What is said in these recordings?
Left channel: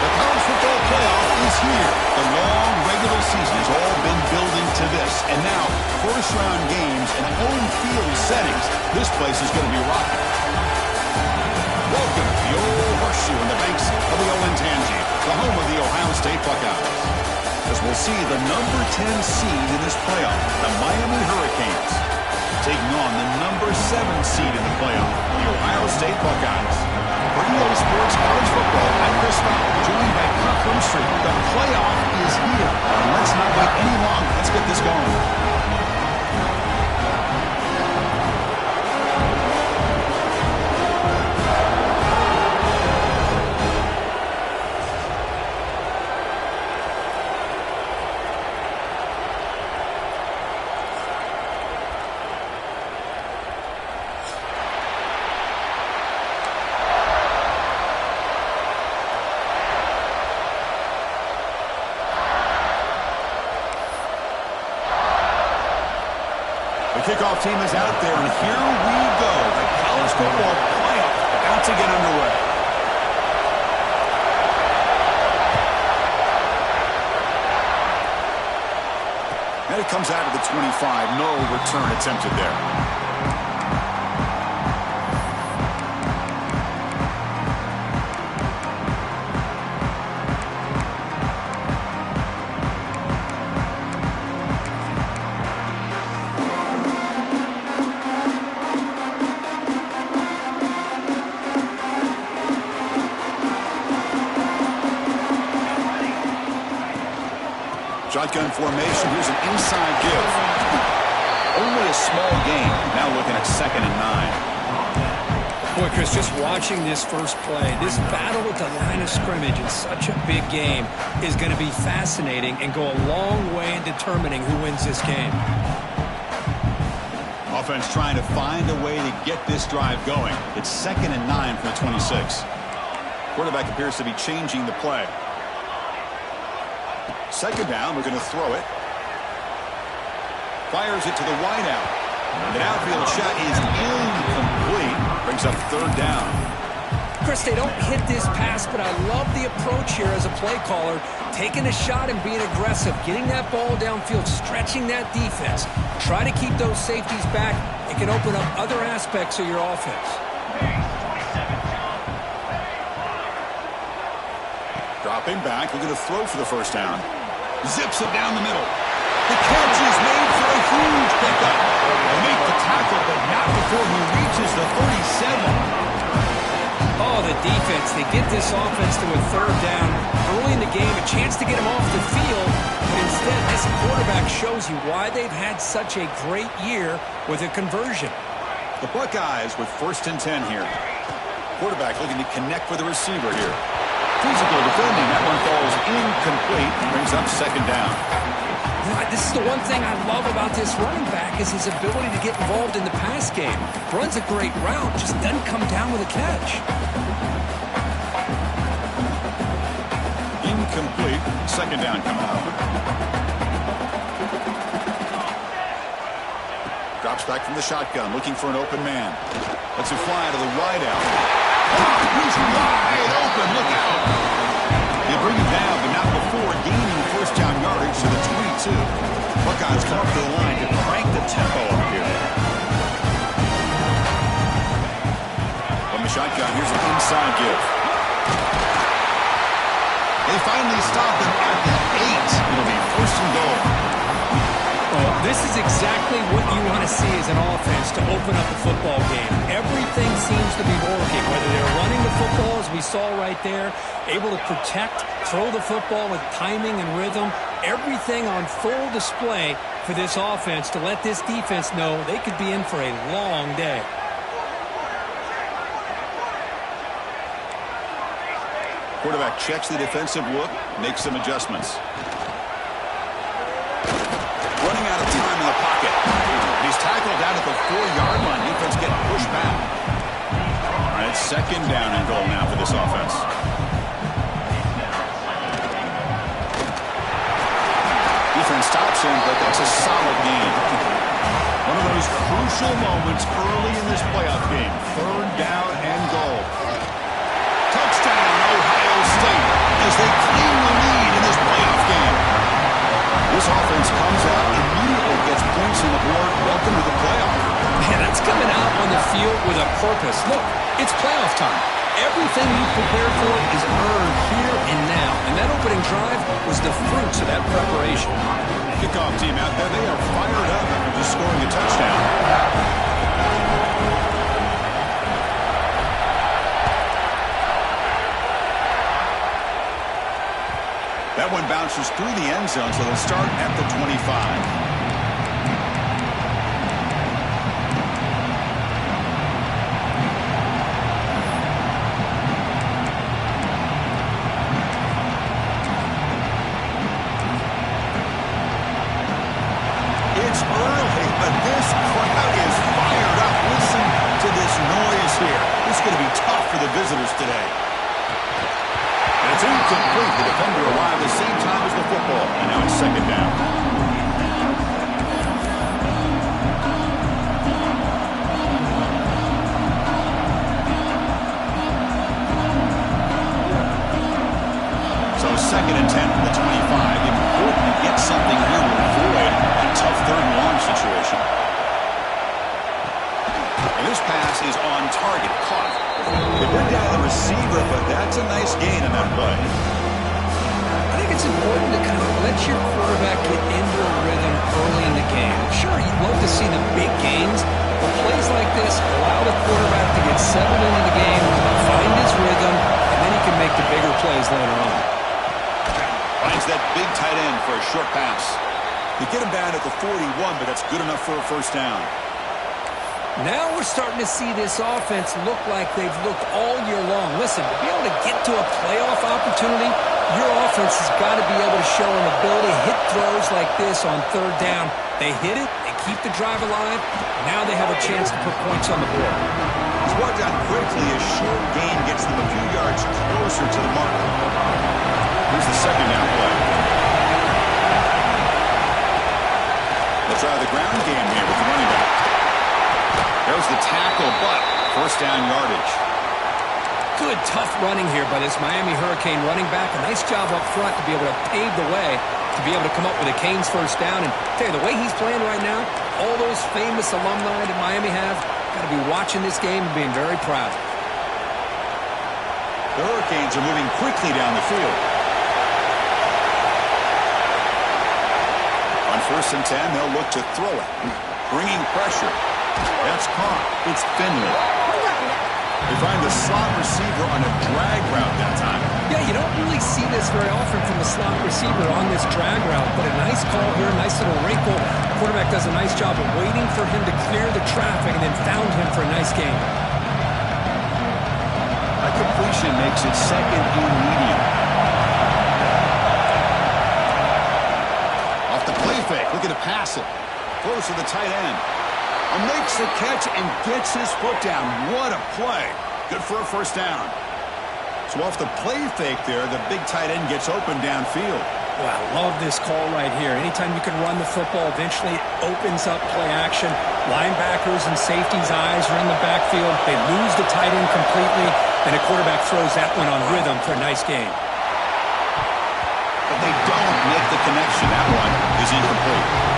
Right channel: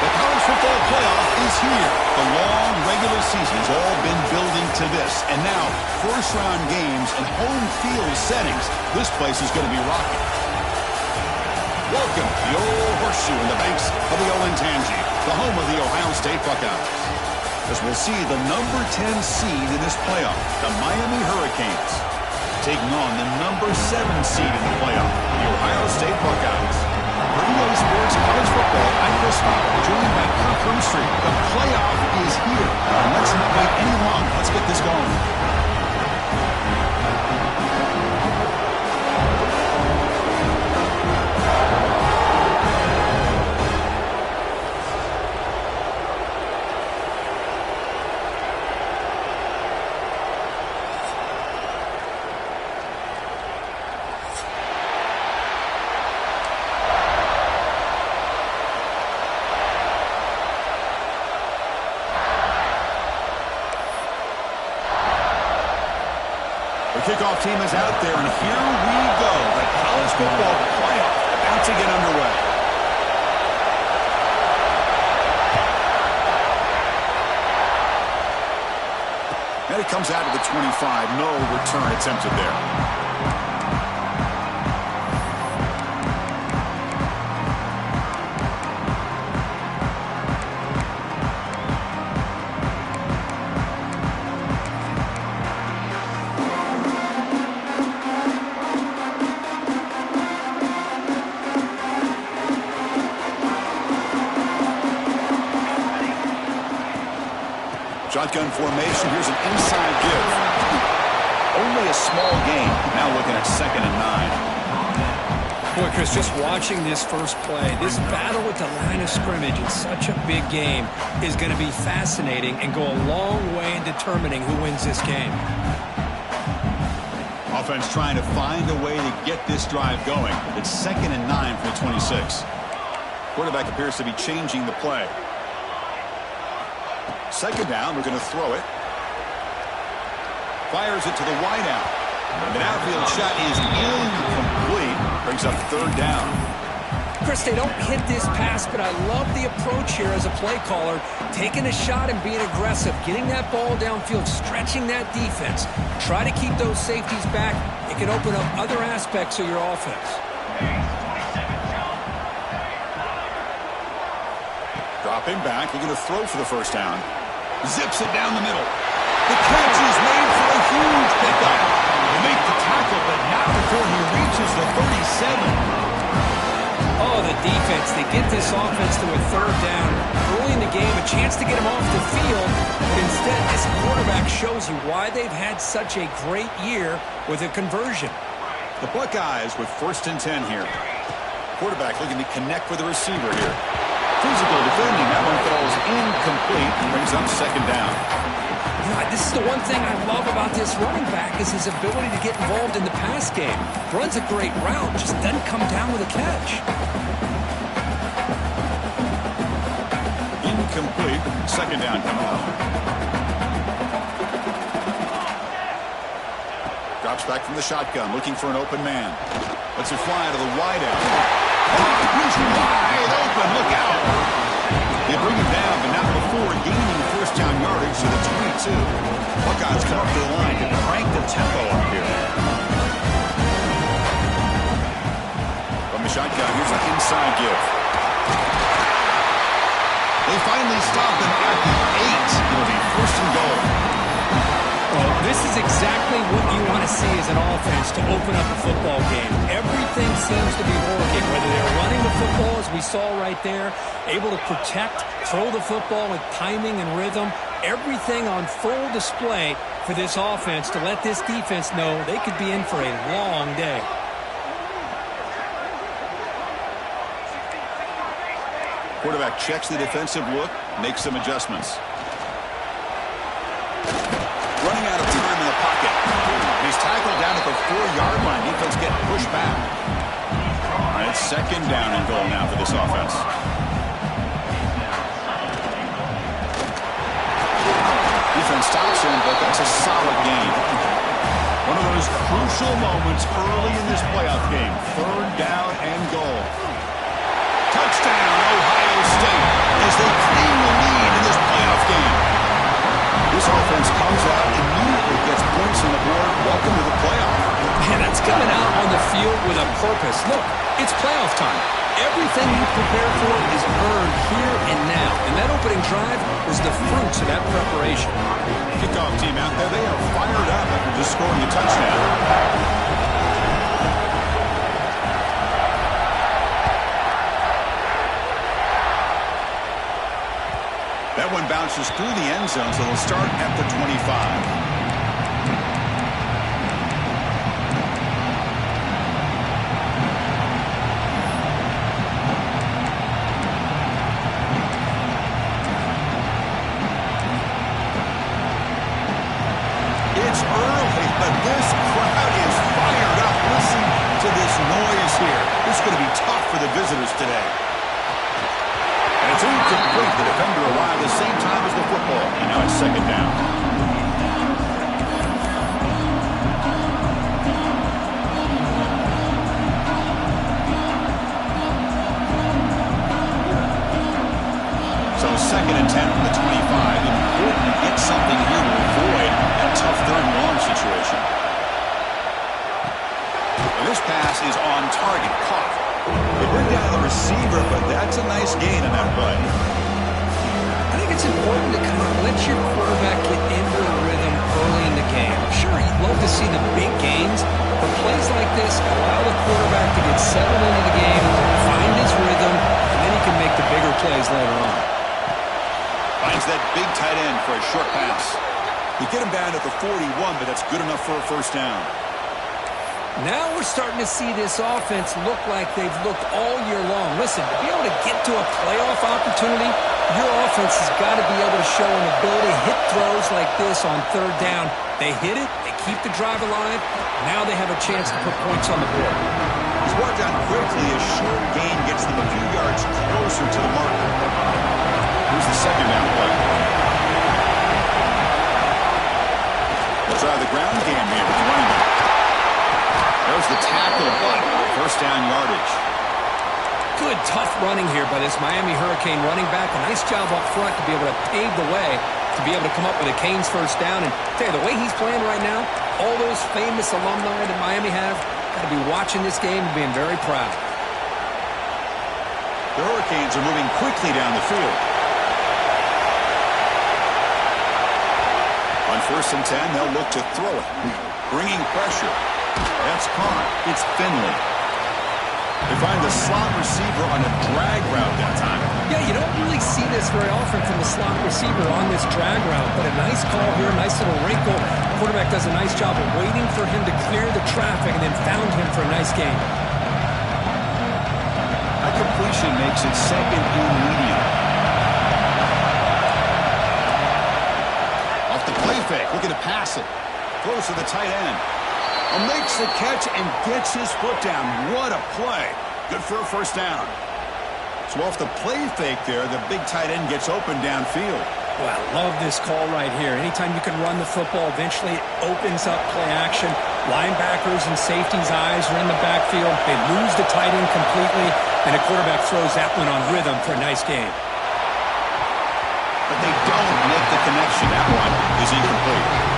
The college football playoff is here. The long regular season has all been building to this. And now, first-round games and home field settings. This place is going to be rocking. Welcome to the old horseshoe in the banks of the Olentangy, the home of the Ohio State Buckeyes. As we'll see the number 10 seed in this playoff, the Miami Hurricanes, taking on the number 7 seed in the playoff, the Ohio State Buckeyes. For EA Sports College Football, I'm Chris Fowler, joined by Kirk Hermstreet. The playoff is here. Let's not wait any longer. Let's get this going. The kickoff team is out there, and here we go. The college football playoff about to get underway. And it comes out to the 25. No return attempted there. Shotgun formation. Here's an inside give. Only a small gain. Now looking at 2nd and 9. Boy, Chris, just watching this first play, this battle with the line of scrimmage in such a big game is going to be fascinating and go a long way in determining who wins this game. Offense trying to find a way to get this drive going. It's 2nd and 9 for the 26. Quarterback appears to be changing the play. 2nd down, we're going to throw it. Fires it to the wideout. And an outfield shot is incomplete. Brings up 3rd down. Chris, they don't hit this pass, but I love the approach here as a play caller. Taking a shot and being aggressive. Getting that ball downfield, stretching that defense. Try to keep those safeties back. It can open up other aspects of your offense. Dropping back, looking to throw for the 1st down. Zips it down the middle. The catch is made for a huge pickup. They make the tackle, but not before he reaches the 37. Oh, the defense. They get this offense to a 3rd down. Early in the game, a chance to get him off the field. But instead, this quarterback shows you why they've had such a great year with a conversion. The Buckeyes with 1st and 10 here. Quarterback looking to connect with the receiver here. Physical defending. That one falls incomplete. Brings up 2nd down. You know, this is the one thing I love about this running back is his ability to get involved in the pass game. Runs a great route, just doesn't come down with a catch. Incomplete. 2nd down coming up. Drops back from the shotgun, looking for an open man. Lets it fly to the wideout. He's wide open. Look out. They bring him down, but not before gaining 1st down yardage to the 22. Buckeyes come up to the line to crank the tempo up here. From the shotgun, here's an inside give. They finally stop him at the 8. It'll be 1st and goal. Well, this is exactly what you want to see as an offense to open up a football game. Everything seems to be working, whether they're running the football, as we saw right there, able to protect, throw the football with timing and rhythm, everything on full display for this offense to let this defense know they could be in for a long day. Quarterback checks the defensive look, makes some adjustments. Running out of time in the pocket. He's tackled down at the 4-yard line. Defense getting pushed back. All right, 2nd down and goal now for this offense. Defense stops him, but that's a solid gain. One of those crucial moments early in this playoff game. 3rd down and goal. Touchdown, Ohio State. A as they claim the lead in this playoff game. This offense comes out, immediately gets points on the board. Welcome to the playoff. Man, that's coming out on the field with a purpose. Look, it's playoff time. Everything you prepare for is earned here and now. And that opening drive was the fruits of that preparation. Kickoff team out there, they are fired up after just scoring a touchdown. That one bounces through the end zone, so they'll start at the 25. It's early, but this crowd is fired up. Listen to this noise here. This is going to be tough for the visitors today. And it's incomplete. The defender arrived the same time as the football. And now it's second down. So second and 10 from the 25. Important to get something here to avoid that tough third and long situation. And this pass is on target. Caught. They bring down the receiver, but that's a nice gain on that play. I think it's important to kind of let your quarterback get into a rhythm early in the game. Sure, you'd love to see the big gains, but plays like this allow the quarterback to get settled into the game, find his rhythm, and then he can make the bigger plays later on. Finds that big tight end for a short pass. You get him down at the 41, but that's good enough for a first down. Now we're starting to see this offense look like they've looked all year long. Listen, to be able to get to a playoff opportunity, your offense has got to be able to show an ability to hit throws like this on third down. They hit it, they keep the drive alive, now they have a chance to put points on the board. He's brought down quickly. A short gain gets them a few yards closer to the mark. Here's the second down play. They'll try the ground game here with the running back. There's the tackle, but first down yardage. Good, tough running here by this Miami Hurricane running back. A nice job up front to be able to pave the way to be able to come up with a Canes first down. And tell you, the way he's playing right now, all those famous alumni that Miami have, got to be watching this game and being very proud. The Hurricanes are moving quickly down the field. On first and 10, they'll look to throw it. Bringing pressure. That's caught. It's Finley. They find the slot receiver on a drag route that time. Yeah, you don't really see this very often from the slot receiver on this drag route, but a nice call here, nice little wrinkle. The quarterback does a nice job of waiting for him to clear the traffic and then found him for a nice gain. That completion makes it second and medium. Off the play fake, looking to pass it. Close to the tight end. Makes the catch and gets his foot down. What a play. Good for a first down. So off the play fake there, the big tight end gets open downfield. Well, I love this call right here. Anytime you can run the football, eventually it opens up play action. Linebackers and safeties' eyes are in the backfield. They lose the tight end completely, and the quarterback throws that one on rhythm for a nice gain. But they don't make the connection. That one is incomplete.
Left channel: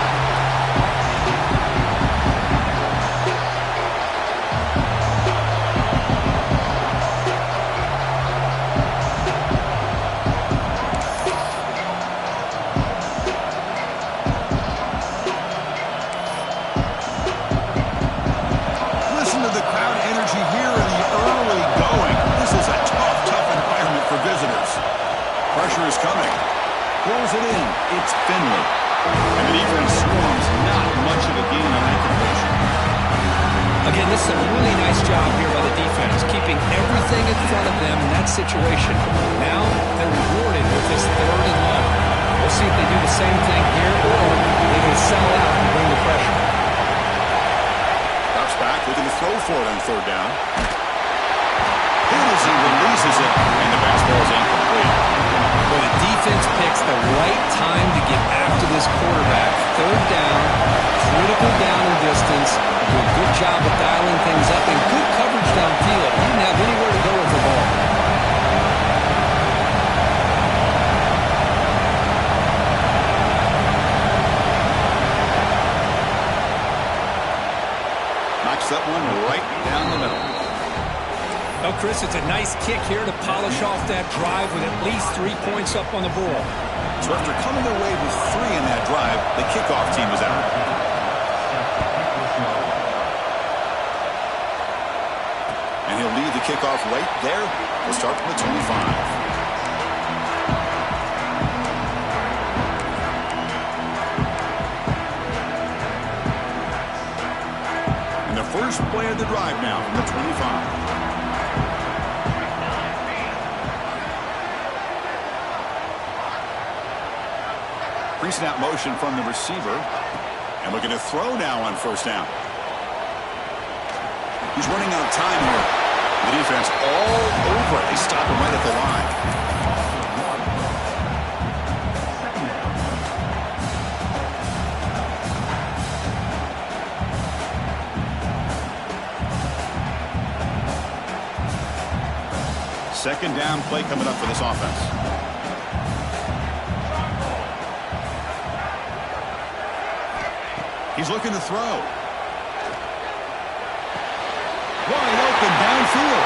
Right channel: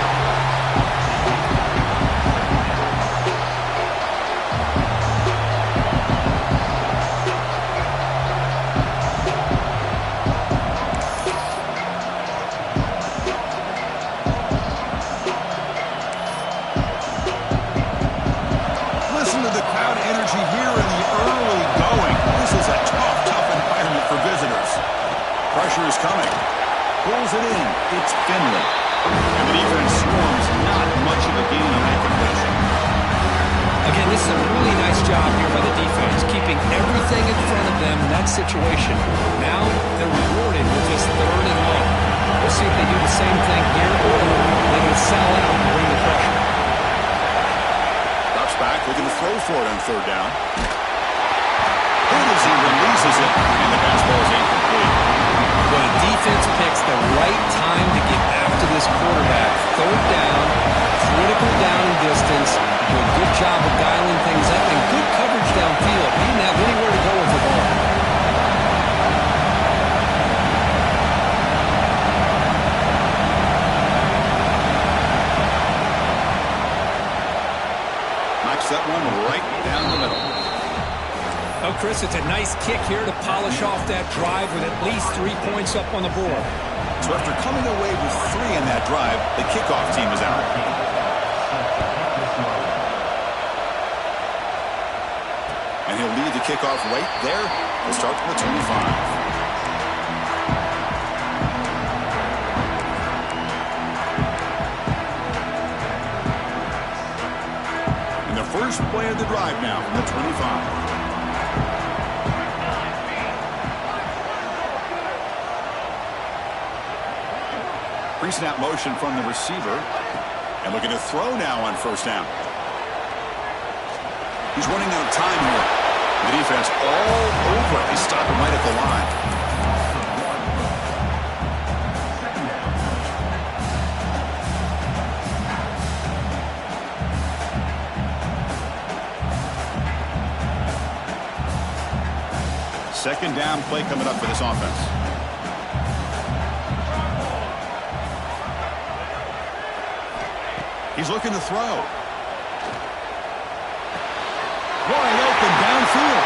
Pressure is coming. Pulls it in. It's Finley. And the defense swarms. Not much of a gain on that completion. Again, this is a really nice job here by the defense, keeping everything in front of them in that situation. Now they're rewarded with this third and long. We'll see if they do the same thing here, or they can sell out and bring the pressure. Drops back, looking to throw for it on third down. Hit as he releases it, and the pass ball is incomplete. Well, the defense picks the right time to get after this quarterback. Third down, critical down and distance. Do a good job of dialing things up and good coverage downfield. He didn't have anywhere to go with the ball. that one right down the middle. Oh, Chris, it's a nice kick here to polish off that drive with at least 3 points up on the board. So after coming away with 3 in that drive, the kickoff team is out. And he'll lead the kickoff right there. We'll start from the 25. First play of the drive now from the 25. Pre-snap motion from the receiver. And looking to throw now on first down. He's running out of time here. The defense all over. They stop him right at the line. Second down play coming up for this offense. He's looking to throw. Wide open downfield.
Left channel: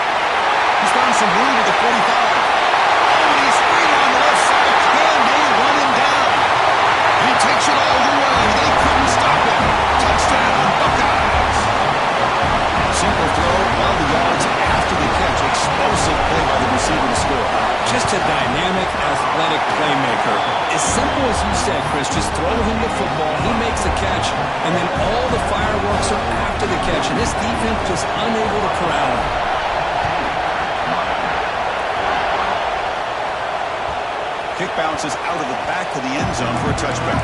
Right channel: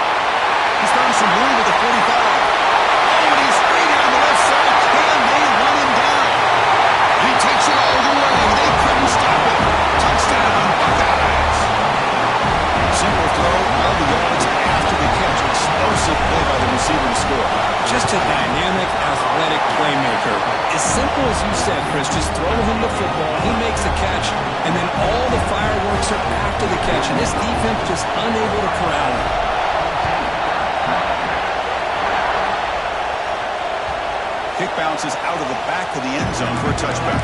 He's found some room with the 45. Oh, and he's free down the left side. Can they run him down? And he takes it all the way. They couldn't stop him. Touchdown, Buckeyes. Simple throw, all the yards after the catch. Explosive play by the receiver to score. Just a dynamic, athletic playmaker. As simple as you said, Chris, just throw him the football, he makes the catch, and then all the fireworks are after the catch, and this defense just unable to corral him. Kick bounces out of the back of the end zone for a touchback.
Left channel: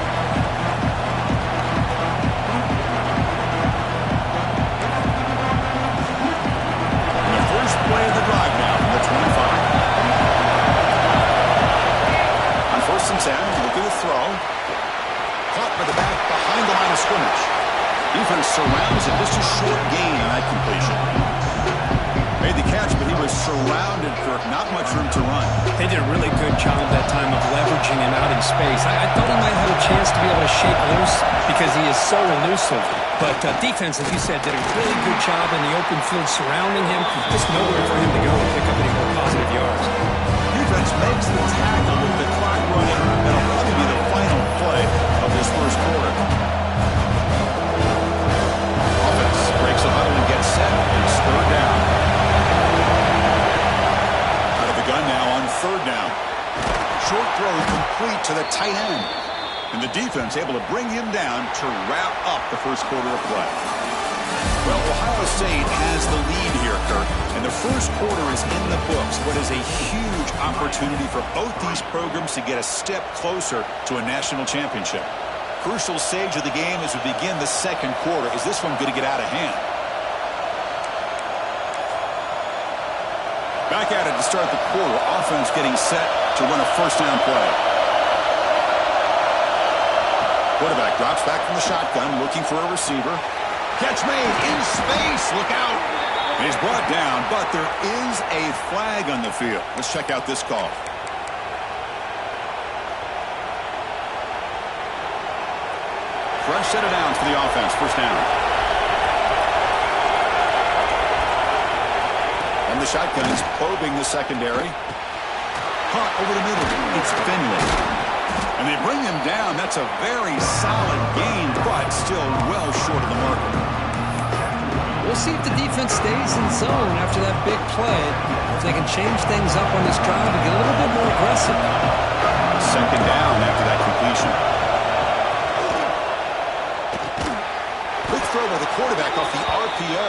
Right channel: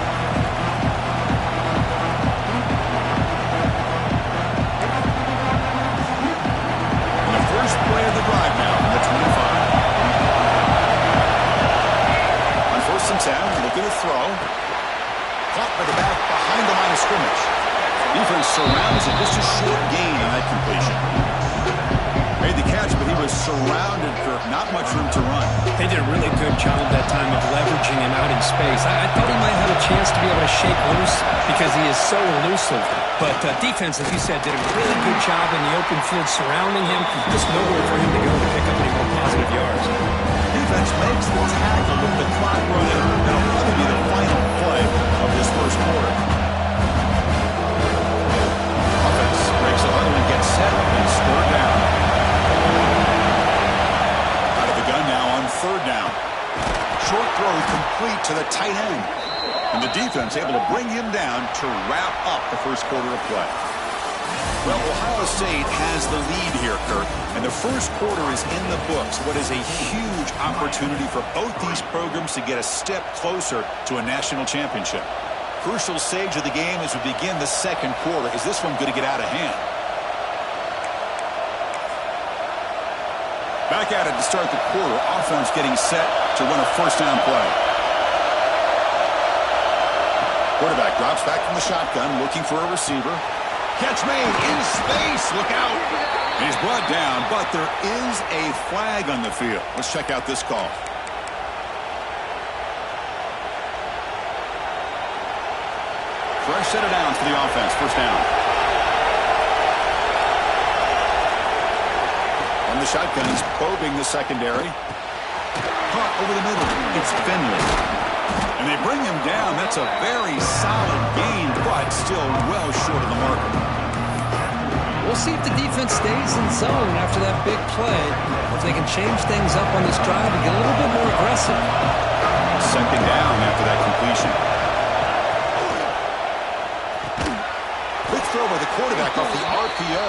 First play of the drive now from the 25. On 1st and 10, looking to throw. Caught by the back behind the line of scrimmage. Defense surrounds it. Just a short gain on that completion. Made the catch, but he was surrounded, Kirk. Not much room to run. They did a really good job that time of leveraging him out in space. I thought he might have a chance to be able to shake loose because he is so elusive. But defense, as you said, did a really good job in the open field surrounding him. Just nowhere for him to go to pick up any more positive yards. Defense makes the tackle with the clock running. That'll probably be the final play of this first quarter. Offense breaks the huddle and gets set. It's 3rd down. Out of the gun now on 3rd down. Short throw complete to the tight end. And the defense able to bring him down to wrap up the first quarter of play. Well, Ohio State has the lead here, Kirk, and the first quarter is in the books. What is a huge opportunity for both these programs to get a step closer to a national championship. Crucial stage of the game as we begin the second quarter. Is this one going to get out of hand? Back at it to start the quarter. Offense getting set to run a first down play. Quarterback drops back from the shotgun, looking for a receiver. Catch made in space. Look out. And he's brought down, but there is a flag on the field. Let's check out this call. Fresh set of downs for the offense. First down. On the shotgun, he's probing the secondary. Caught over the middle. It's Finley. And they bring him down. That's a very solid gain, but still well short of the marker. We'll see if the defense stays in zone after that big play. If they can change things up on this drive and get a little bit more aggressive. Second down after that completion. Quick throw by the quarterback off the RPO.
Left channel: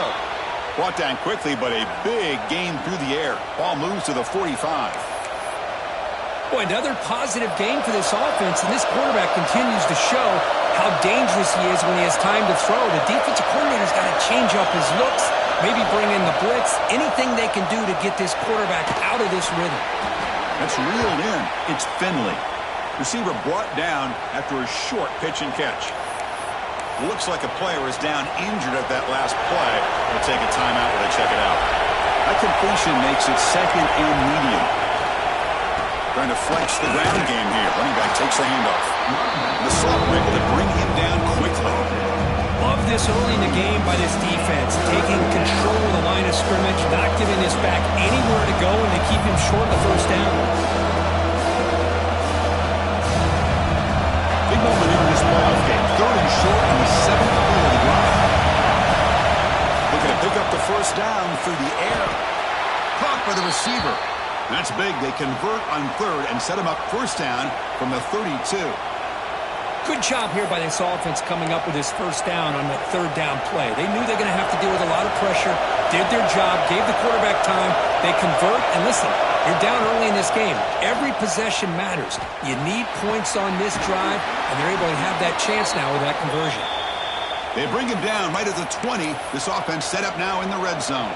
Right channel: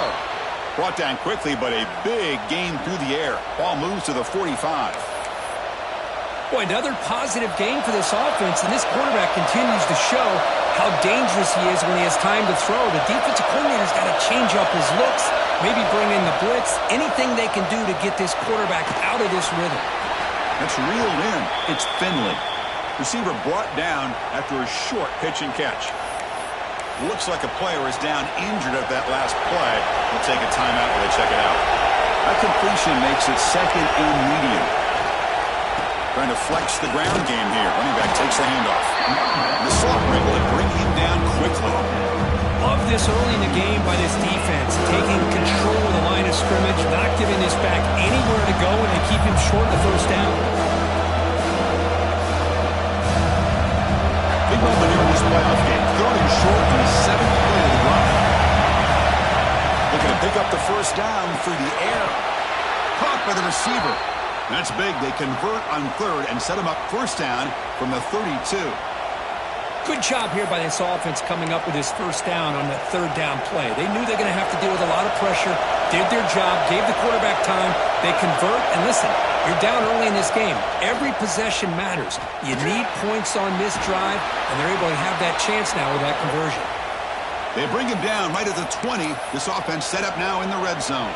Brought down quickly, but a big gain through the air. Ball moves to the 45. Boy, another positive game for this offense, and this quarterback continues to show how dangerous he is when he has time to throw. The defensive coordinator's got to change up his looks, maybe bring in the blitz, anything they can do to get this quarterback out of this rhythm. That's reeled in. It's Finley. Receiver brought down after a short pitch and catch. Looks like a player is down injured at that last play. We'll take a timeout while they check it out. That completion makes it 2nd and medium. Trying to flex the ground game here. Running back takes the handoff. And the soft break will bring him down quickly. Love this early in the game by this defense, taking control of the line of scrimmage, not giving this back anywhere to go, and to keep him short of the first down. Big moment here in this playoff game. 3rd and short on the 7th play of the drive. Looking to pick up the first down through the air. Caught by the receiver. That's big. They convert on 3rd and set him up first down from the 32. Good job here by this offense coming up with his first down on the 3rd down play. They knew they're going to have to deal with a lot of pressure, did their job, gave the quarterback time. They convert, and listen, you're down early in this game. Every possession matters. You need points on this drive, and they're able to have that chance now with that conversion. They bring him down right at the 20. This offense set up now in the red zone.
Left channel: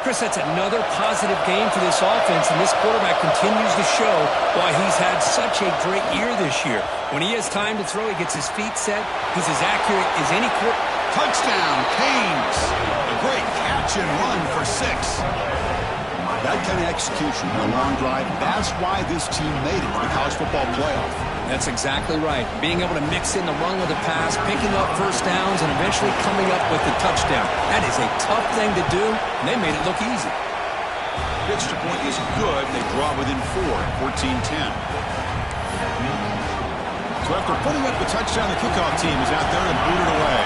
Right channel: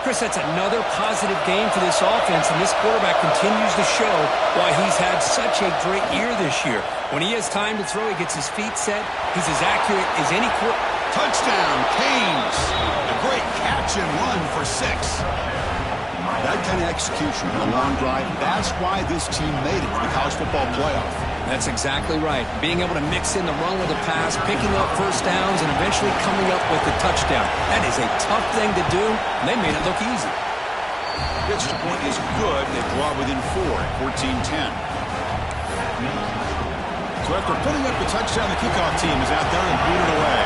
Chris, that's another positive game for this offense, and this quarterback continues to show why he's had such a great year this year. When he has time to throw, he gets his feet set. He's as accurate as any quarterback. Touchdown, Canes. A great catch and run for 6. That kind of execution in a long drive, that's why this team made it to the college football playoff. That's exactly right. Being able to mix in the run with the pass, picking up first downs, and eventually coming up with the touchdown. That is a tough thing to do, and they made it look easy. The extra point is good. They draw within 4 at 14-10. So after putting up the touchdown, the kickoff team is out there and booted away.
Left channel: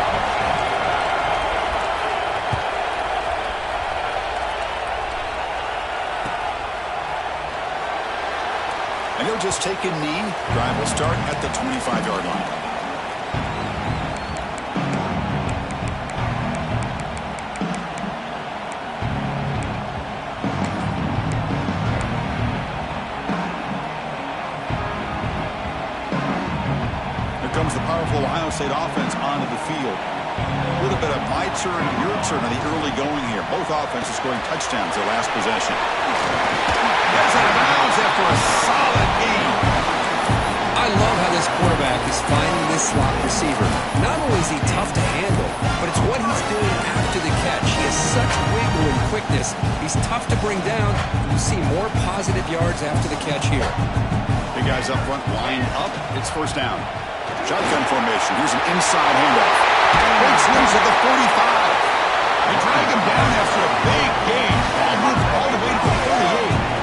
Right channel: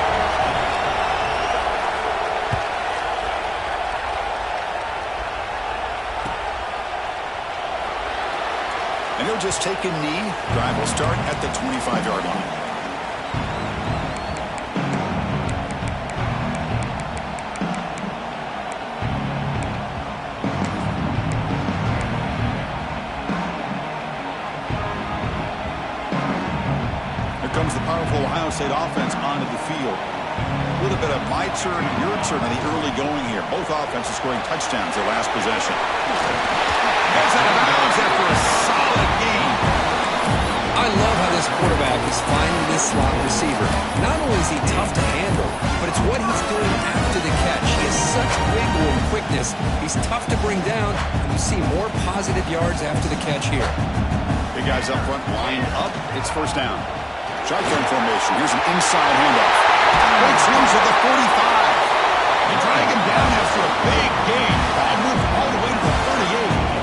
And he'll just take a knee. Drive will start at the 25-yard line. Here comes the powerful Ohio State offense onto the field. A little bit of my turn, your turn on the early going here. Both offenses scoring touchdowns their last possession. Gets out of bounds after a solid game. I love how this quarterback is finding this slot receiver. Not only is he tough to handle, but it's what he's doing after the catch. He has such wiggle and quickness. He's tough to bring down, and you see more positive yards after the catch here. Big guys up front, lined up. It's first down. Shotgun formation. Here's an inside handoff. Breaks loose at the 45. They drag him down after a big gain. Ball moved all the way to the 38.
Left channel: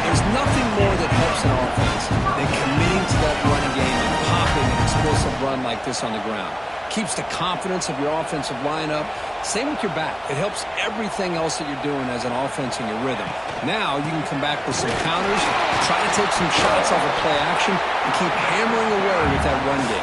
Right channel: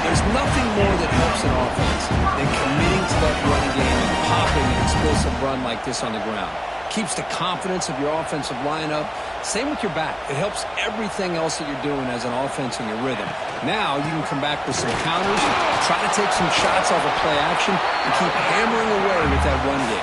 There's nothing more that helps an offense than committing to that running game and popping an explosive run like this on the ground. Keeps the confidence of your offensive lineup. Same with your back. It helps everything else that you're doing as an offense in your rhythm. Now you can come back with some counters, try to take some shots off of play action, and keep hammering away with that run game.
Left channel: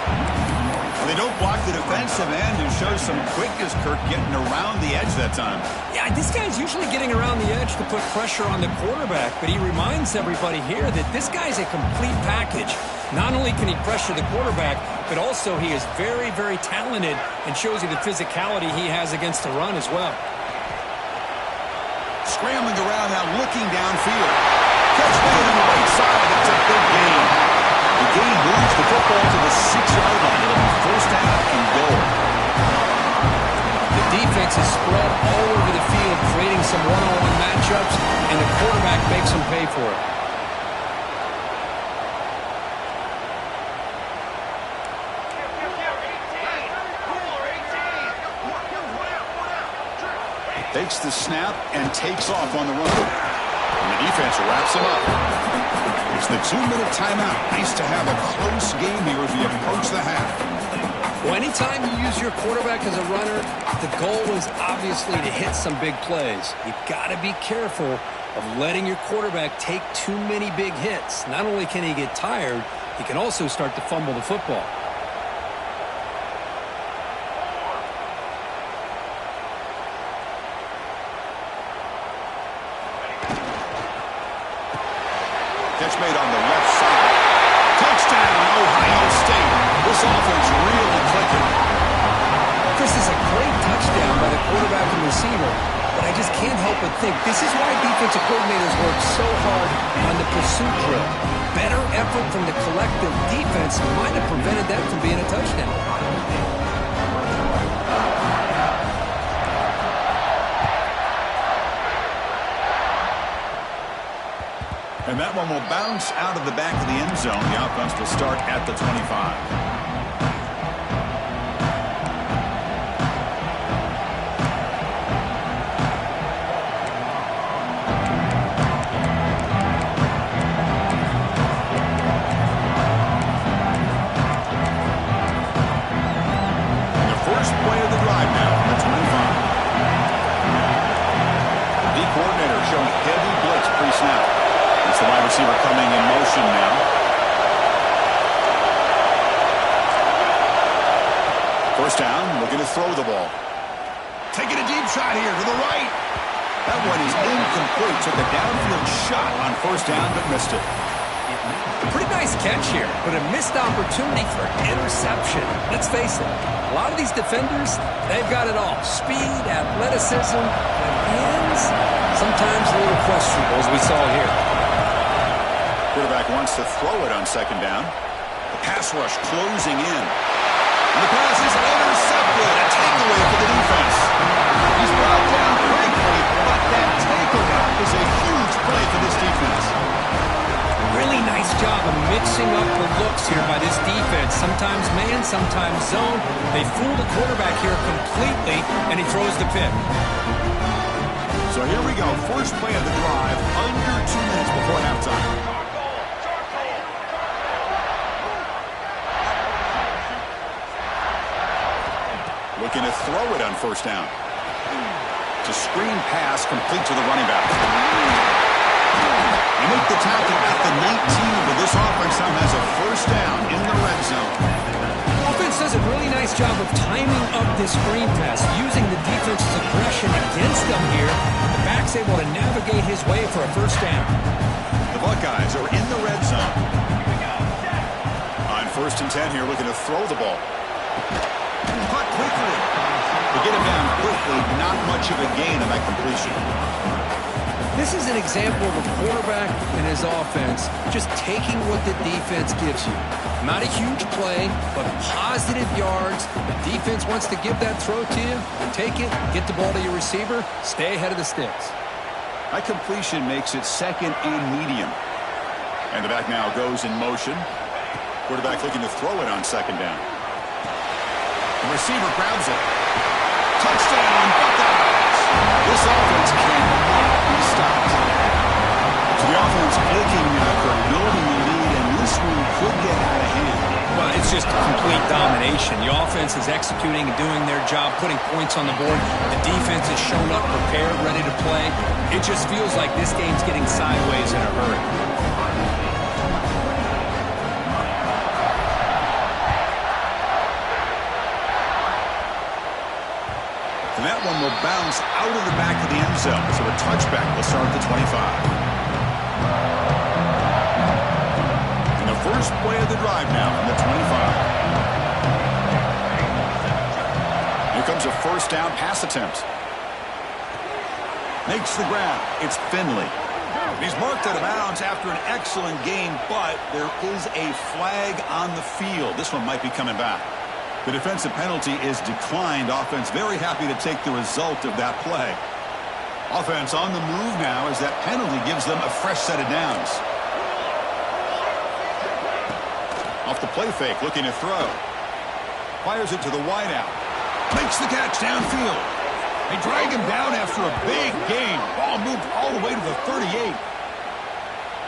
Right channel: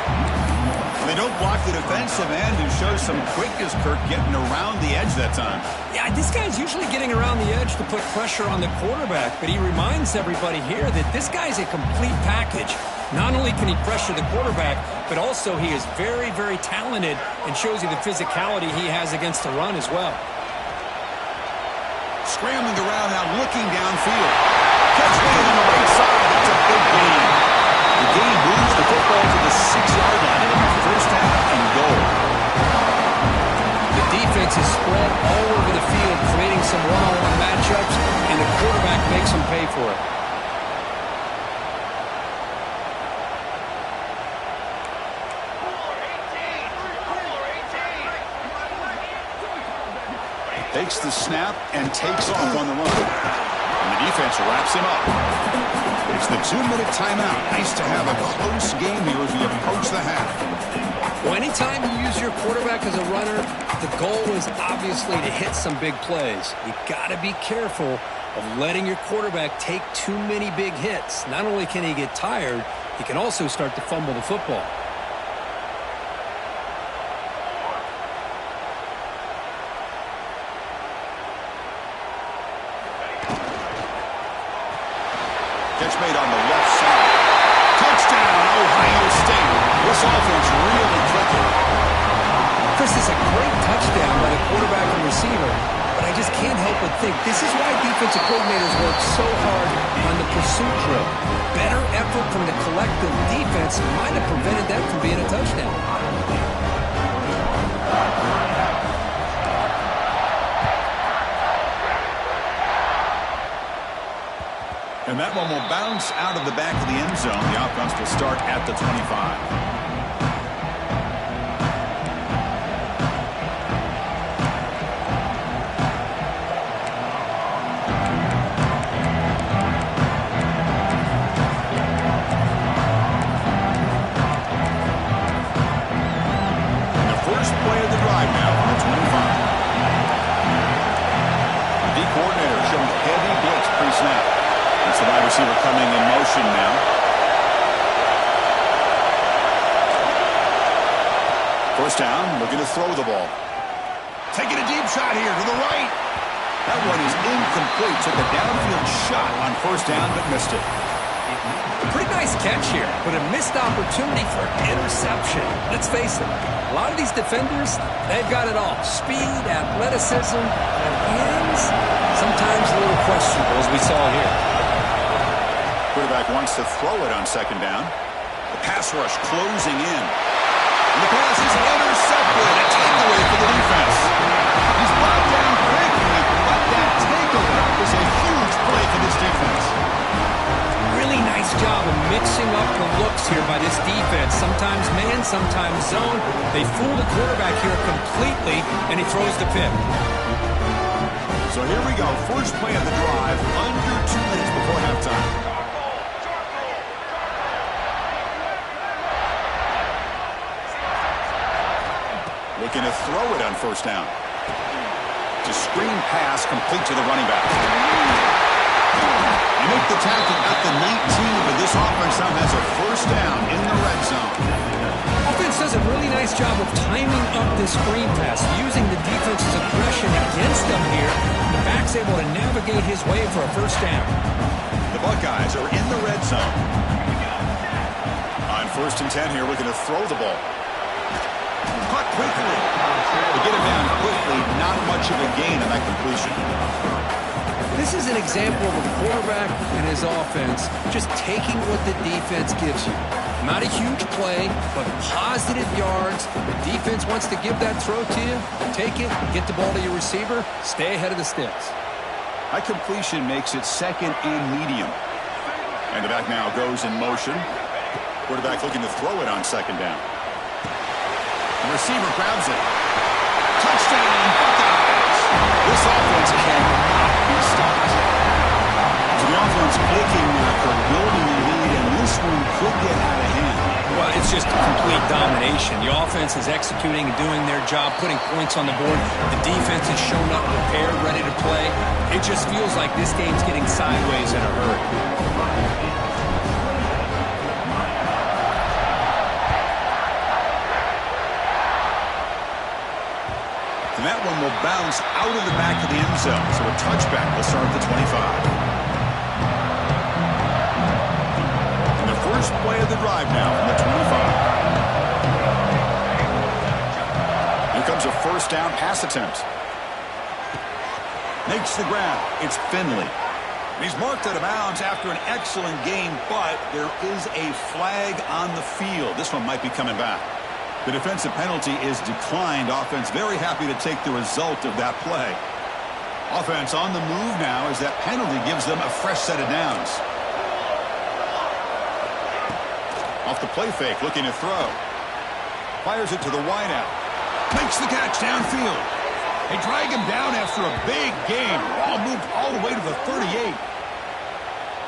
They don't block the defensive end and shows some quickness, Kirk, getting around the edge that time. Yeah, this guy's usually getting around the edge to put pressure on the quarterback, but he reminds everybody here that this guy's a complete package. Not only can he pressure the quarterback, but also he is very, very talented and shows you the physicality he has against the run as well. Scrambling around now, looking downfield. Catch made on the right side. That's a big gain. The gain moves the football to the 6-yard line. It'll be first down and goal. The defense is spread all over the field, creating some one-on-one matchups, and the quarterback makes them pay for it. Takes the snap and takes off on the run. And the defense wraps him up. It's the 2-minute timeout. Nice to have a close game here as we approach the half. Well, anytime you use your quarterback as a runner, the goal is obviously to hit some big plays. You got to be careful of letting your quarterback take too many big hits. Not only can he get tired, he can also start to fumble the football. Catch made on the left side. Touchdown, Ohio State. This offense really clicking. Chris, is a great touchdown by the quarterback and receiver, but I just can't help but think this is why defensive coordinators work so hard on the pursuit drill. Better effort from the collective defense might have prevented that from being a touchdown. And that one will bounce out of the back of the end zone. The offense will start at the 25. It's the wide receiver coming in motion now. First down, looking to throw the ball. Taking a deep shot here to the right. That one is incomplete. Took a downfield shot on first down, but missed it. Pretty nice catch here, but a missed opportunity for an interception. Let's face it, a lot of these defenders, they've got it all. Speed, athleticism, and hands, sometimes a little questionable, as we saw here. Quarterback wants to throw it on second down. The pass rush closing in. And the pass is intercepted. A takeaway for the defense. He's brought down quickly, but that takeaway is a huge play for this defense. Really nice job of mixing up the looks here by this defense. Sometimes man, sometimes zone. They fool the quarterback here completely, and he throws the pick. So here we go. First play of the drive, under 2 minutes before halftime. Looking to throw it on first down. It's a screen pass complete to the running back. They make the tackle at the 19, but this offense now has a first down in the red zone. Offense does a really nice job of timing up this screen pass, using the defense's aggression against them here. The back's able to navigate his way for a first down. The Buckeyes are in the red zone. On first and 10 here, looking to throw the ball. Caught quickly. To get him down quickly, not much of a gain on that completion. This is an example of a quarterback and his offense just taking what the defense gives you. Not a huge play, but positive yards. The defense wants to give that throw to you. Take it, get the ball to your receiver, stay ahead of the sticks. That completion makes it second and medium. And the back now goes in motion. Quarterback looking to throw it on second down. The receiver grabs it. Touchdown, Buckeyes! This offense cannot be stopped. So the offense clicking after building the lead, and this one could get out of hand. Well, it's just complete domination. The offense is executing and doing their job, putting points on the board. The defense has shown up, prepared, ready to play. It just feels like this game's getting sideways in a hurry. And that one will bounce out of the back of the end zone. So a touchback will start at the 25. And the first play of the drive now from the 25. Here comes a first down pass attempt. Makes the grab. It's Finley. He's marked out of bounds after an excellent game, but there is a flag on the field. This one might be coming back. The defensive penalty is declined. Offense very happy to take the result of that play. Offense on the move now as that penalty gives them a fresh set of downs. Off the play fake, looking to throw. Fires it to the wideout. Makes the catch downfield. They drag him down after a big game. Ball moved all the way to the 38.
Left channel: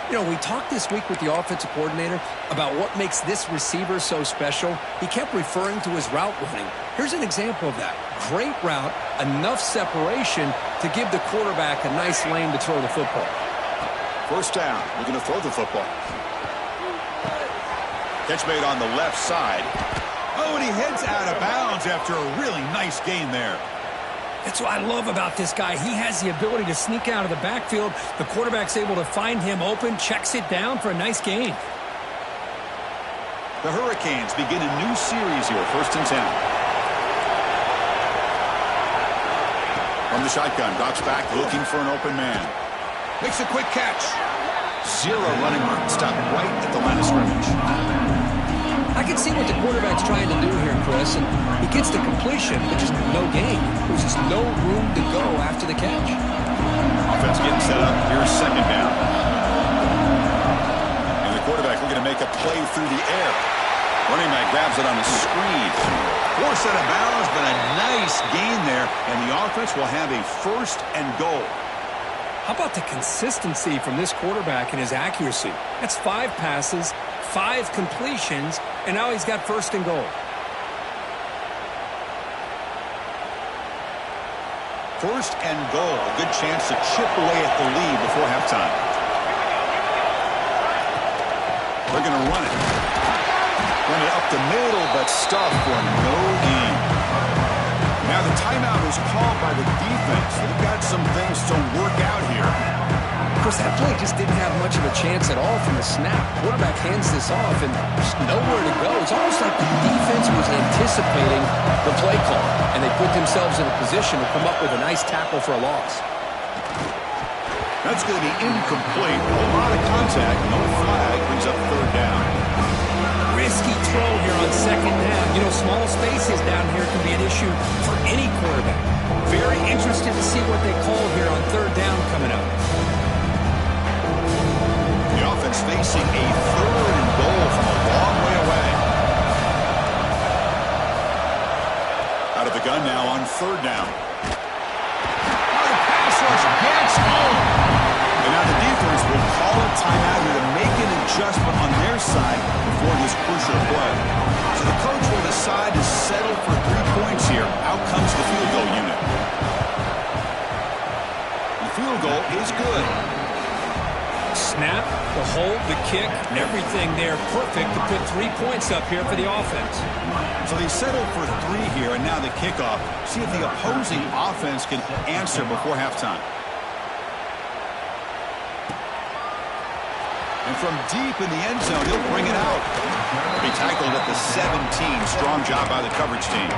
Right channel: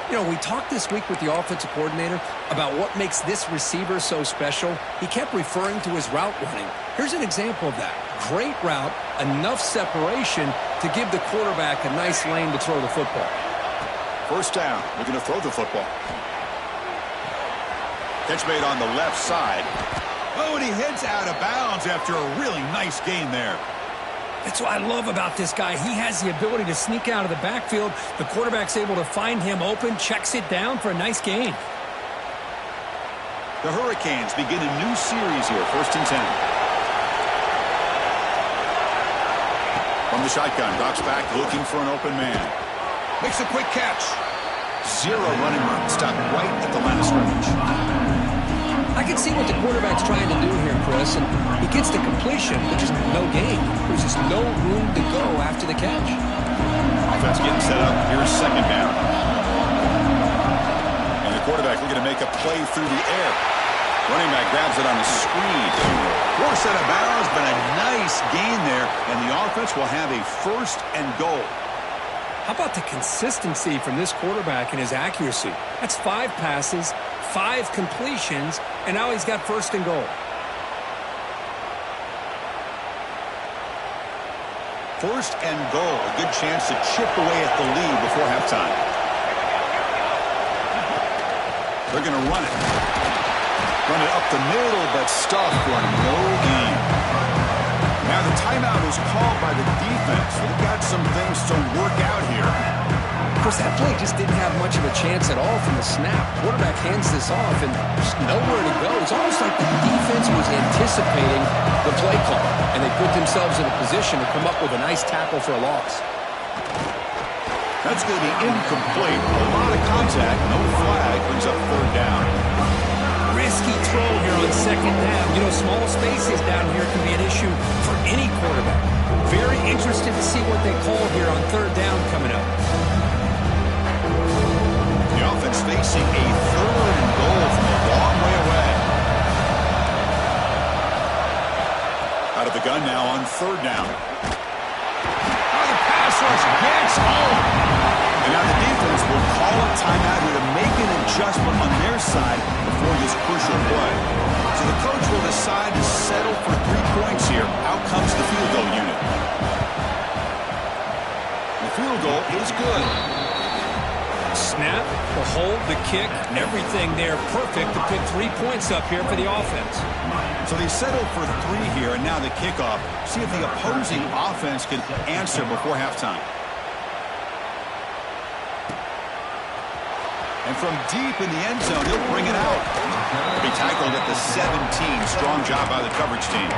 You know, we talked this week with the offensive coordinator about what makes this receiver so special. He kept referring to his route running. Here's an example of that. Great route, enough separation to give the quarterback a nice lane to throw the football. First down, looking to throw the football. Catch made on the left side. Oh, and he heads out of bounds after a really nice gain there. That's what I love about this guy. He has the ability to sneak out of the backfield. The quarterback's able to find him open, checks it down for a nice gain. The Hurricanes begin a new series here, first and 10. From the shotgun, drops back, looking for an open man. Makes a quick catch. Zero running room, stopped right at the line of scrimmage. I can see what the quarterback's trying to do here, Chris, and he gets the completion, but just no gain. There's just no room to go after the catch. Offense getting set up. Here's second down. And the quarterback looking to make a play through the air. Running back grabs it on a screen. Forced out of bounds, but a nice gain there, and the offense will have a first and goal. How about the consistency from this quarterback and his accuracy? That's 5 passes, 5 completions, and now he's got first and goal. First and goal. A good chance to chip away at the lead before halftime. They're going to run it. Run it up the middle, but stuffed for no gain. Now the timeout is called by the defense. They've got some things to work out here. Of course, that play just didn't have much of a chance at all from the snap. Quarterback hands this off, and there's nowhere to go. It's almost like the defense was anticipating the play call, and they put themselves in a position to come up with a nice tackle for a loss. That's going to be incomplete. A lot of contact. No flag. Brings up third down. Risky throw here on second down. You know, small spaces down here can be an issue for any quarterback. Very interested to see what they call here on third down coming up. The offense facing a third and goal from a long way away. Out of the gun now on third down. Oh, the pass rush gets home. And now the defense will call a timeout here to make an adjustment on their side before this crucial play. So the coach will decide to settle for 3 points here. Out comes the field goal unit. The field goal is good. Snap, the hold, the kick, everything there perfect to put 3 points up here for the offense. So they settled for 3 here, and now the kickoff. See if the opposing offense can answer before halftime. And from deep in the end zone, he'll bring it out. He'll be tackled at the 17. Strong job by the coverage team.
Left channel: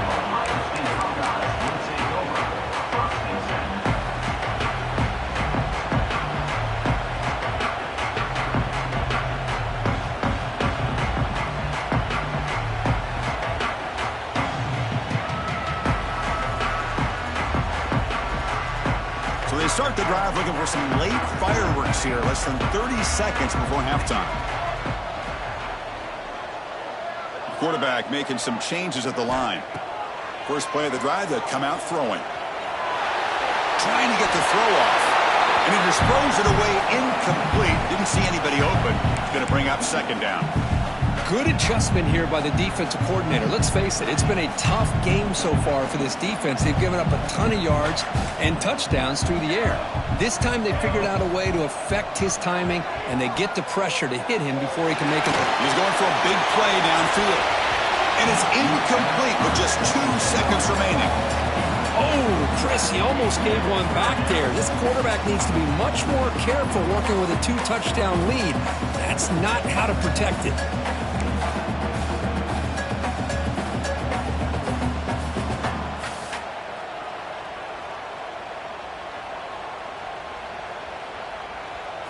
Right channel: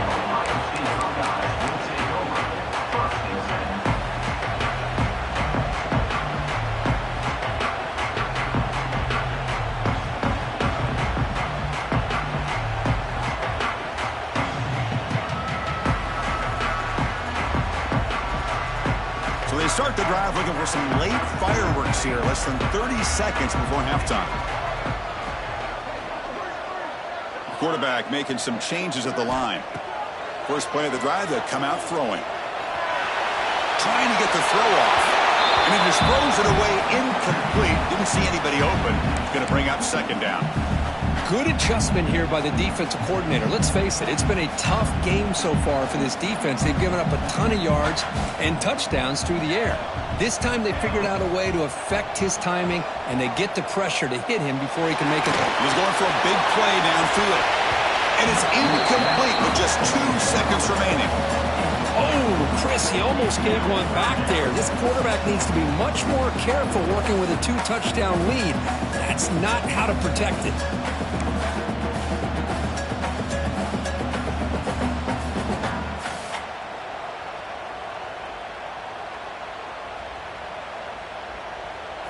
So they start the drive looking for some late fireworks here, less than 30 seconds before halftime. The quarterback making some changes at the line. First play of the drive, they'll come out throwing. Trying to get the throw off. And he just throws it away incomplete. Didn't see anybody open. He's going to bring up second down. Good adjustment here by the defensive coordinator. Let's face it, it's been a tough game so far for this defense. They've given up a ton of yards and touchdowns through the air. This time they figured out a way to affect his timing, and they get the pressure to hit him before he can make it. He's going for a big play downfield. And it's incomplete with just 2 seconds remaining. Oh, Chris, he almost gave one back there. This quarterback needs to be much more careful working with a 2-touchdown lead. That's not how to protect it.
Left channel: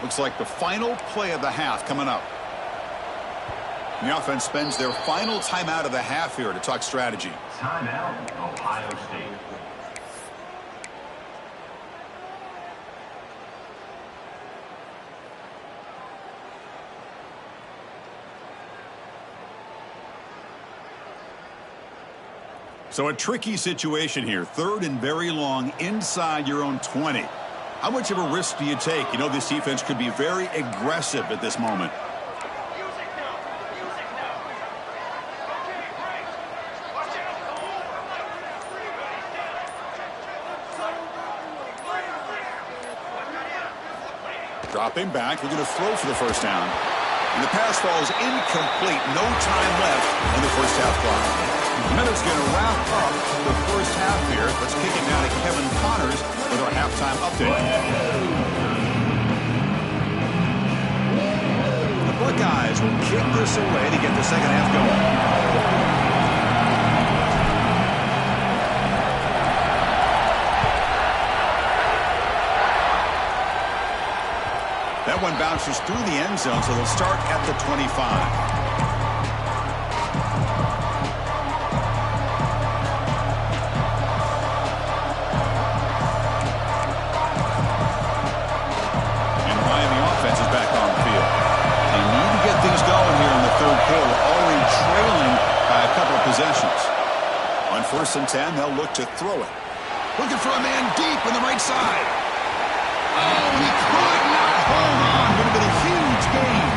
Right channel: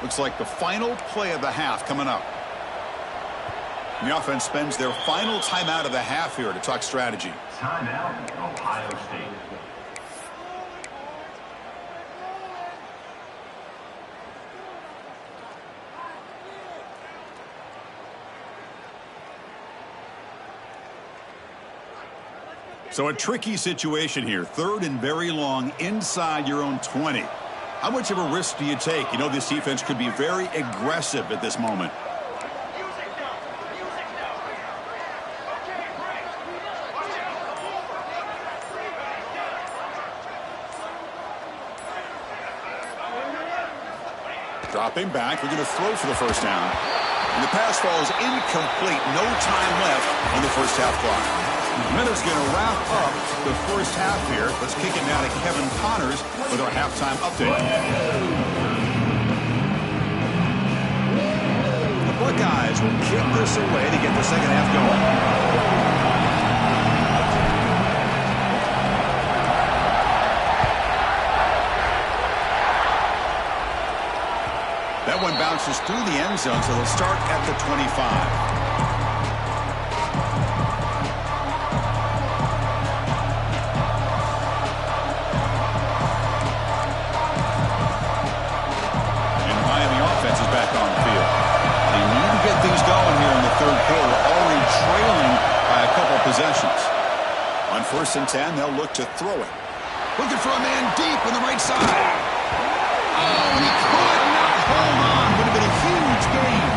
Looks like the final play of the half coming up. The offense spends their final timeout of the half here to talk strategy. Timeout, Ohio State. So a tricky situation here. Third and very long inside your own 20. How much of a risk do you take? You know this defense could be very aggressive at this moment. Dropping back, we're going to throw for the first down. And the pass falls incomplete. No time left on the first half clock. Minutes going to wrap up the first half here. Let's kick it now to Kevin Connors with our halftime update. The Buckeyes will kick this away to get the second half going. That one bounces through the end zone, so they'll start at the 25. Is back on the field. They need to get things going here in the third quarter, already trailing by a couple of possessions. On 1st and 10, they'll look to throw it. Looking for a man deep on the right side. Oh, and he could not hold on. Would have been a huge gain.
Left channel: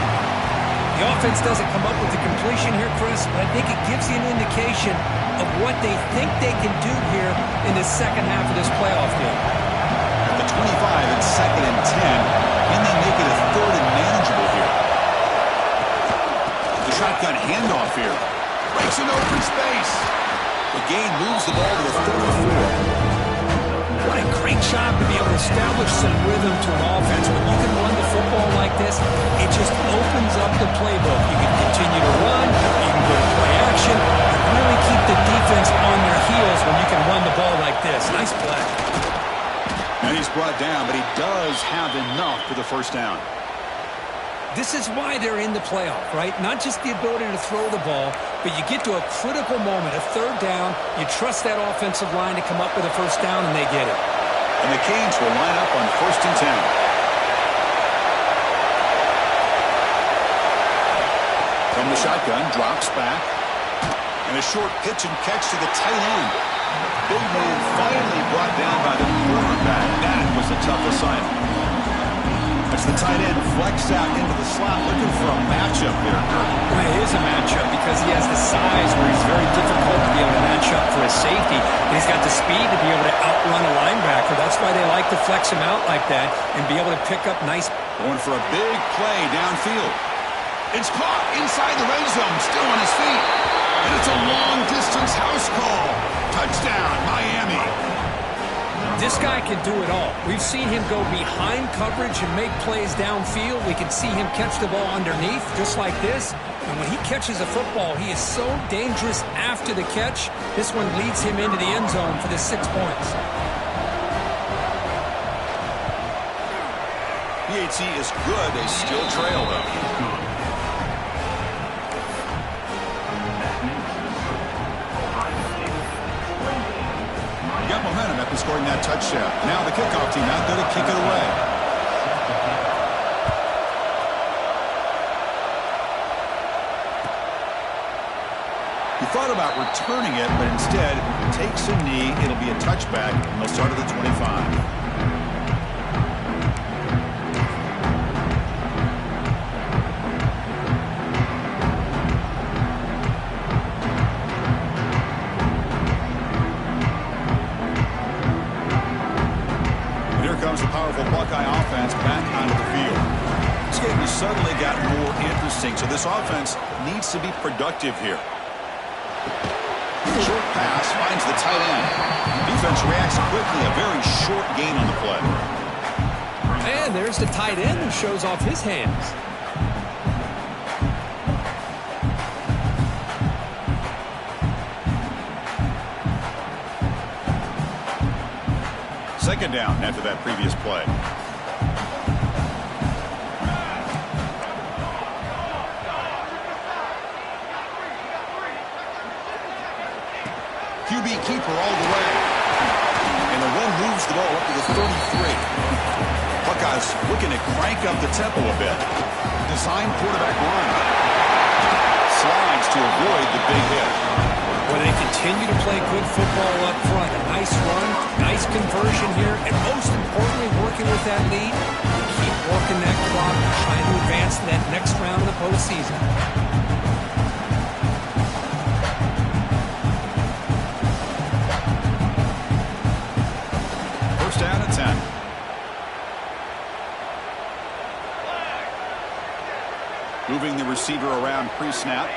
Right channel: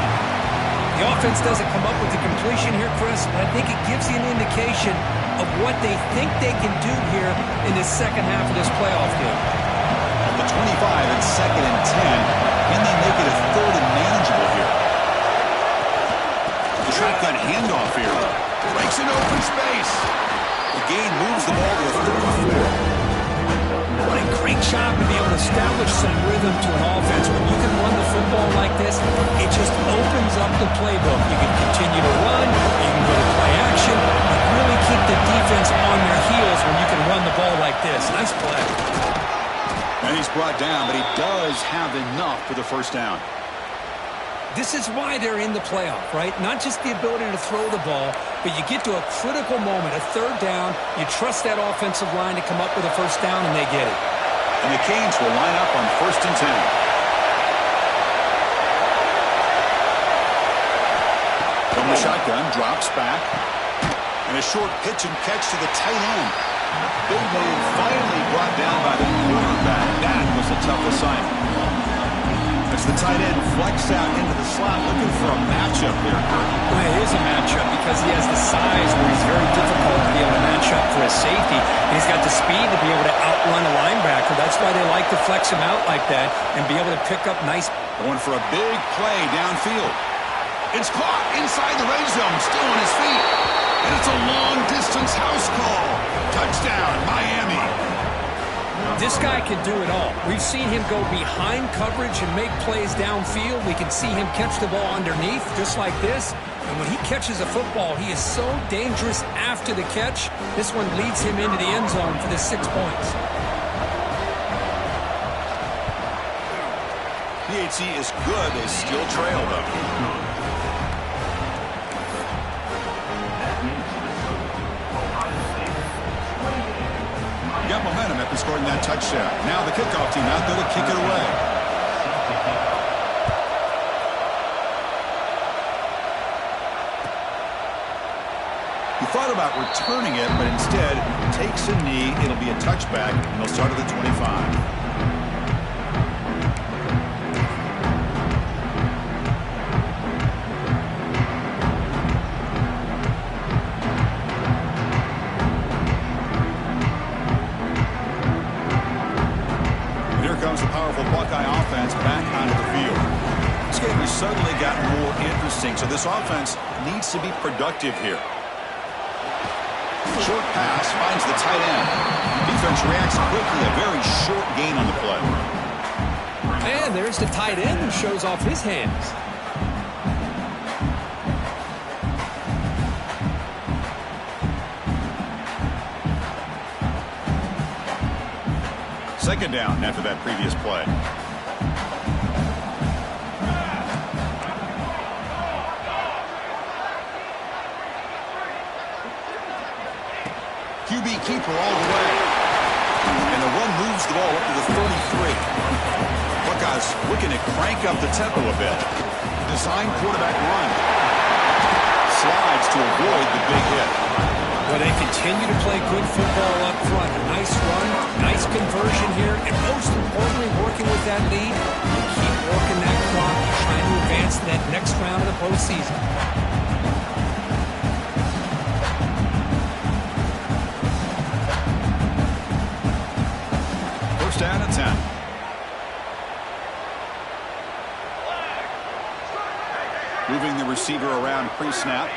The offense doesn't come up with the completion here, Chris, but I think it gives you an indication of what they think they can do here in the second half of this playoff game. At the 25 and 2nd and 10, can they make it a third and manageable here? shotgun handoff here. Breaks into open space. The gain moves the ball to the 34. What a great job to be able to establish some rhythm to an offense. When you can run the football like this, it just opens up the playbook. You can continue to run. You can go to play action. You really keep the defense on their heels when you can run the ball like this. Nice play. And he's brought down, but he does have enough for the first down. This is why they're in the playoff, right? Not just the ability to throw the ball, but you get to a critical moment, a third down. You trust that offensive line to come up with a first down, and they get it. And the Canes will line up on 1st and 10. From the shotgun, drops back. And a short pitch and catch to the tight end. The big man finally brought down by the quarterback. That was a tough assignment. As the tight end flexed out into the slot, looking for a matchup there, Kurt. Well, it is a matchup because he has the size where he's very difficult to be able to match up for his safety. And he's got the speed to be able to outrun a linebacker. That's why they like to flex him out like that and be able to pick up nice. Going for a big play downfield. It's caught inside the red zone, still on his feet. And it's a long-distance house call. Touchdown, Miami. This guy can do it all. We've seen him go behind coverage and make plays downfield. We can see him catch the ball underneath, just like this. And when he catches a football, he is so dangerous after the catch. This one leads him into the end zone for the 6 points. PHC is good. They still trail, though. Got momentum after scoring that touchdown. Now the kickoff team out there to kick it away. He thought about returning it, but instead takes a knee. It'll be a touchback, and they'll start at the 25. The powerful Buckeye offense back onto the field. This game has suddenly gotten more interesting, so this offense needs to be productive here. Short pass finds the tight end. Defense reacts quickly, a very short gain on the play. And there's the tight end who shows off his hands. Second down after that previous play. QB keeper all the way. And the run moves the ball up to the 33. Buckeyes looking to crank up the tempo a bit. Design quarterback run. Slides to avoid the big hit. Well, they continue to play good football up front. A nice run, nice conversion here, and most importantly, working with that lead, you keep working that clock, trying to advance to that next round of the postseason. First down at 10. Moving the receiver around pre-snap.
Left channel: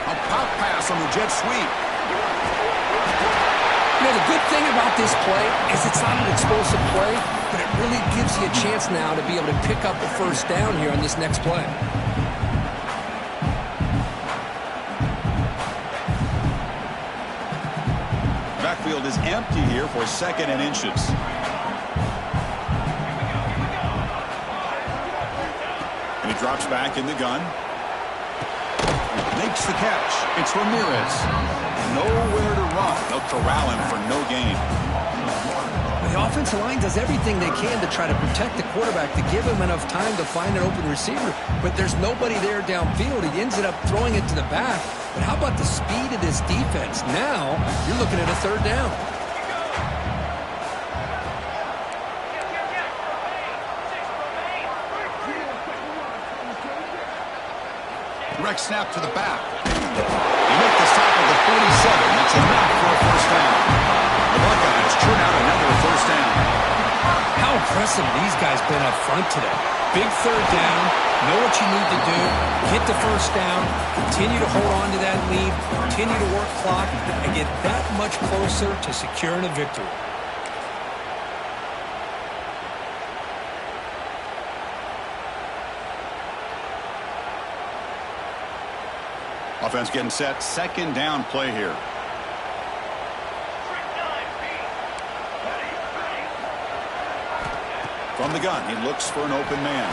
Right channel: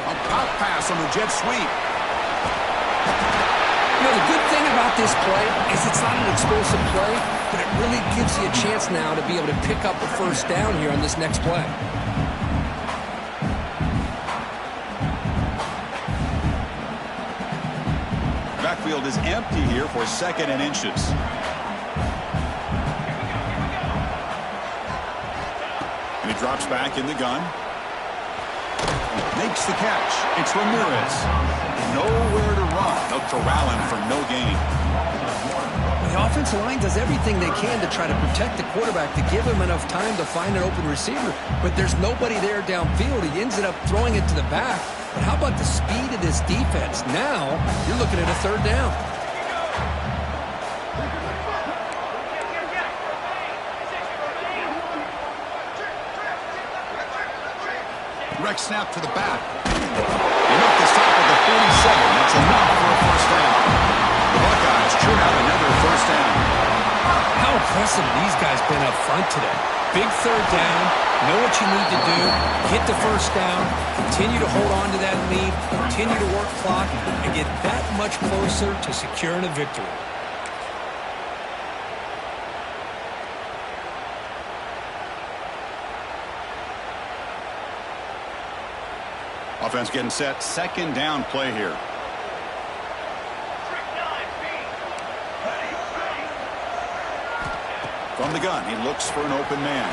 A pop pass on the jet sweep. You know, the good thing about this play is it's not an explosive play, but it really gives you a chance now to be able to pick up a first down here on this next play. Backfield is empty here for 2nd and inches. And he drops back in the gun. Makes the catch. It's Ramirez. Nowhere to run. They'll corral him for no gain. Well, the offensive line does everything they can to try to protect the quarterback, to give him enough time to find an open receiver, but there's nobody there downfield. He ends up throwing it to the back. But how about the speed of this defense? Now you're looking at a third down. Direct snap to the back. They make the stop at the 47. That's enough for a first down. The Buckeyes churn out another first down. How impressive these guys been up front today. Big third down, know what you need to do, get the first down, continue to hold on to that lead, continue to work clock, and get that much closer to securing a victory. Offense getting set. Second down play here. From the gun, he looks for an open man.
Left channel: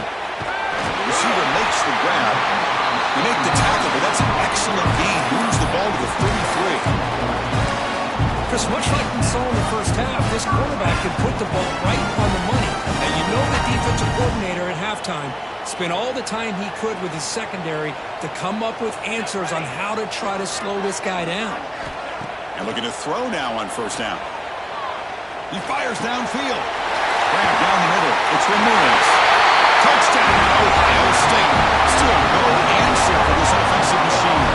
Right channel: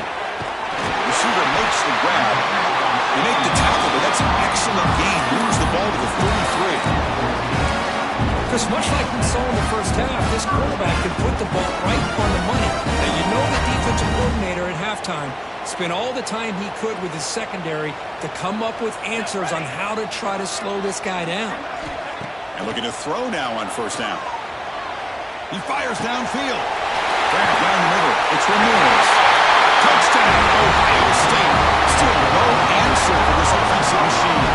Receiver makes the grab. They make the tackle, but that's an excellent gain. Moves the ball to the 33. Chris, much like we saw in the first half, this quarterback can put the ball right on the money. Now, you know the defensive coordinator at halftime spent all the time he could with his secondary to come up with answers on how to try to slow this guy down. And looking to throw now on first down. He fires downfield. Grab down the middle. It's Ramirez. Touchdown, Ohio State. Still no answer for this offensive machine.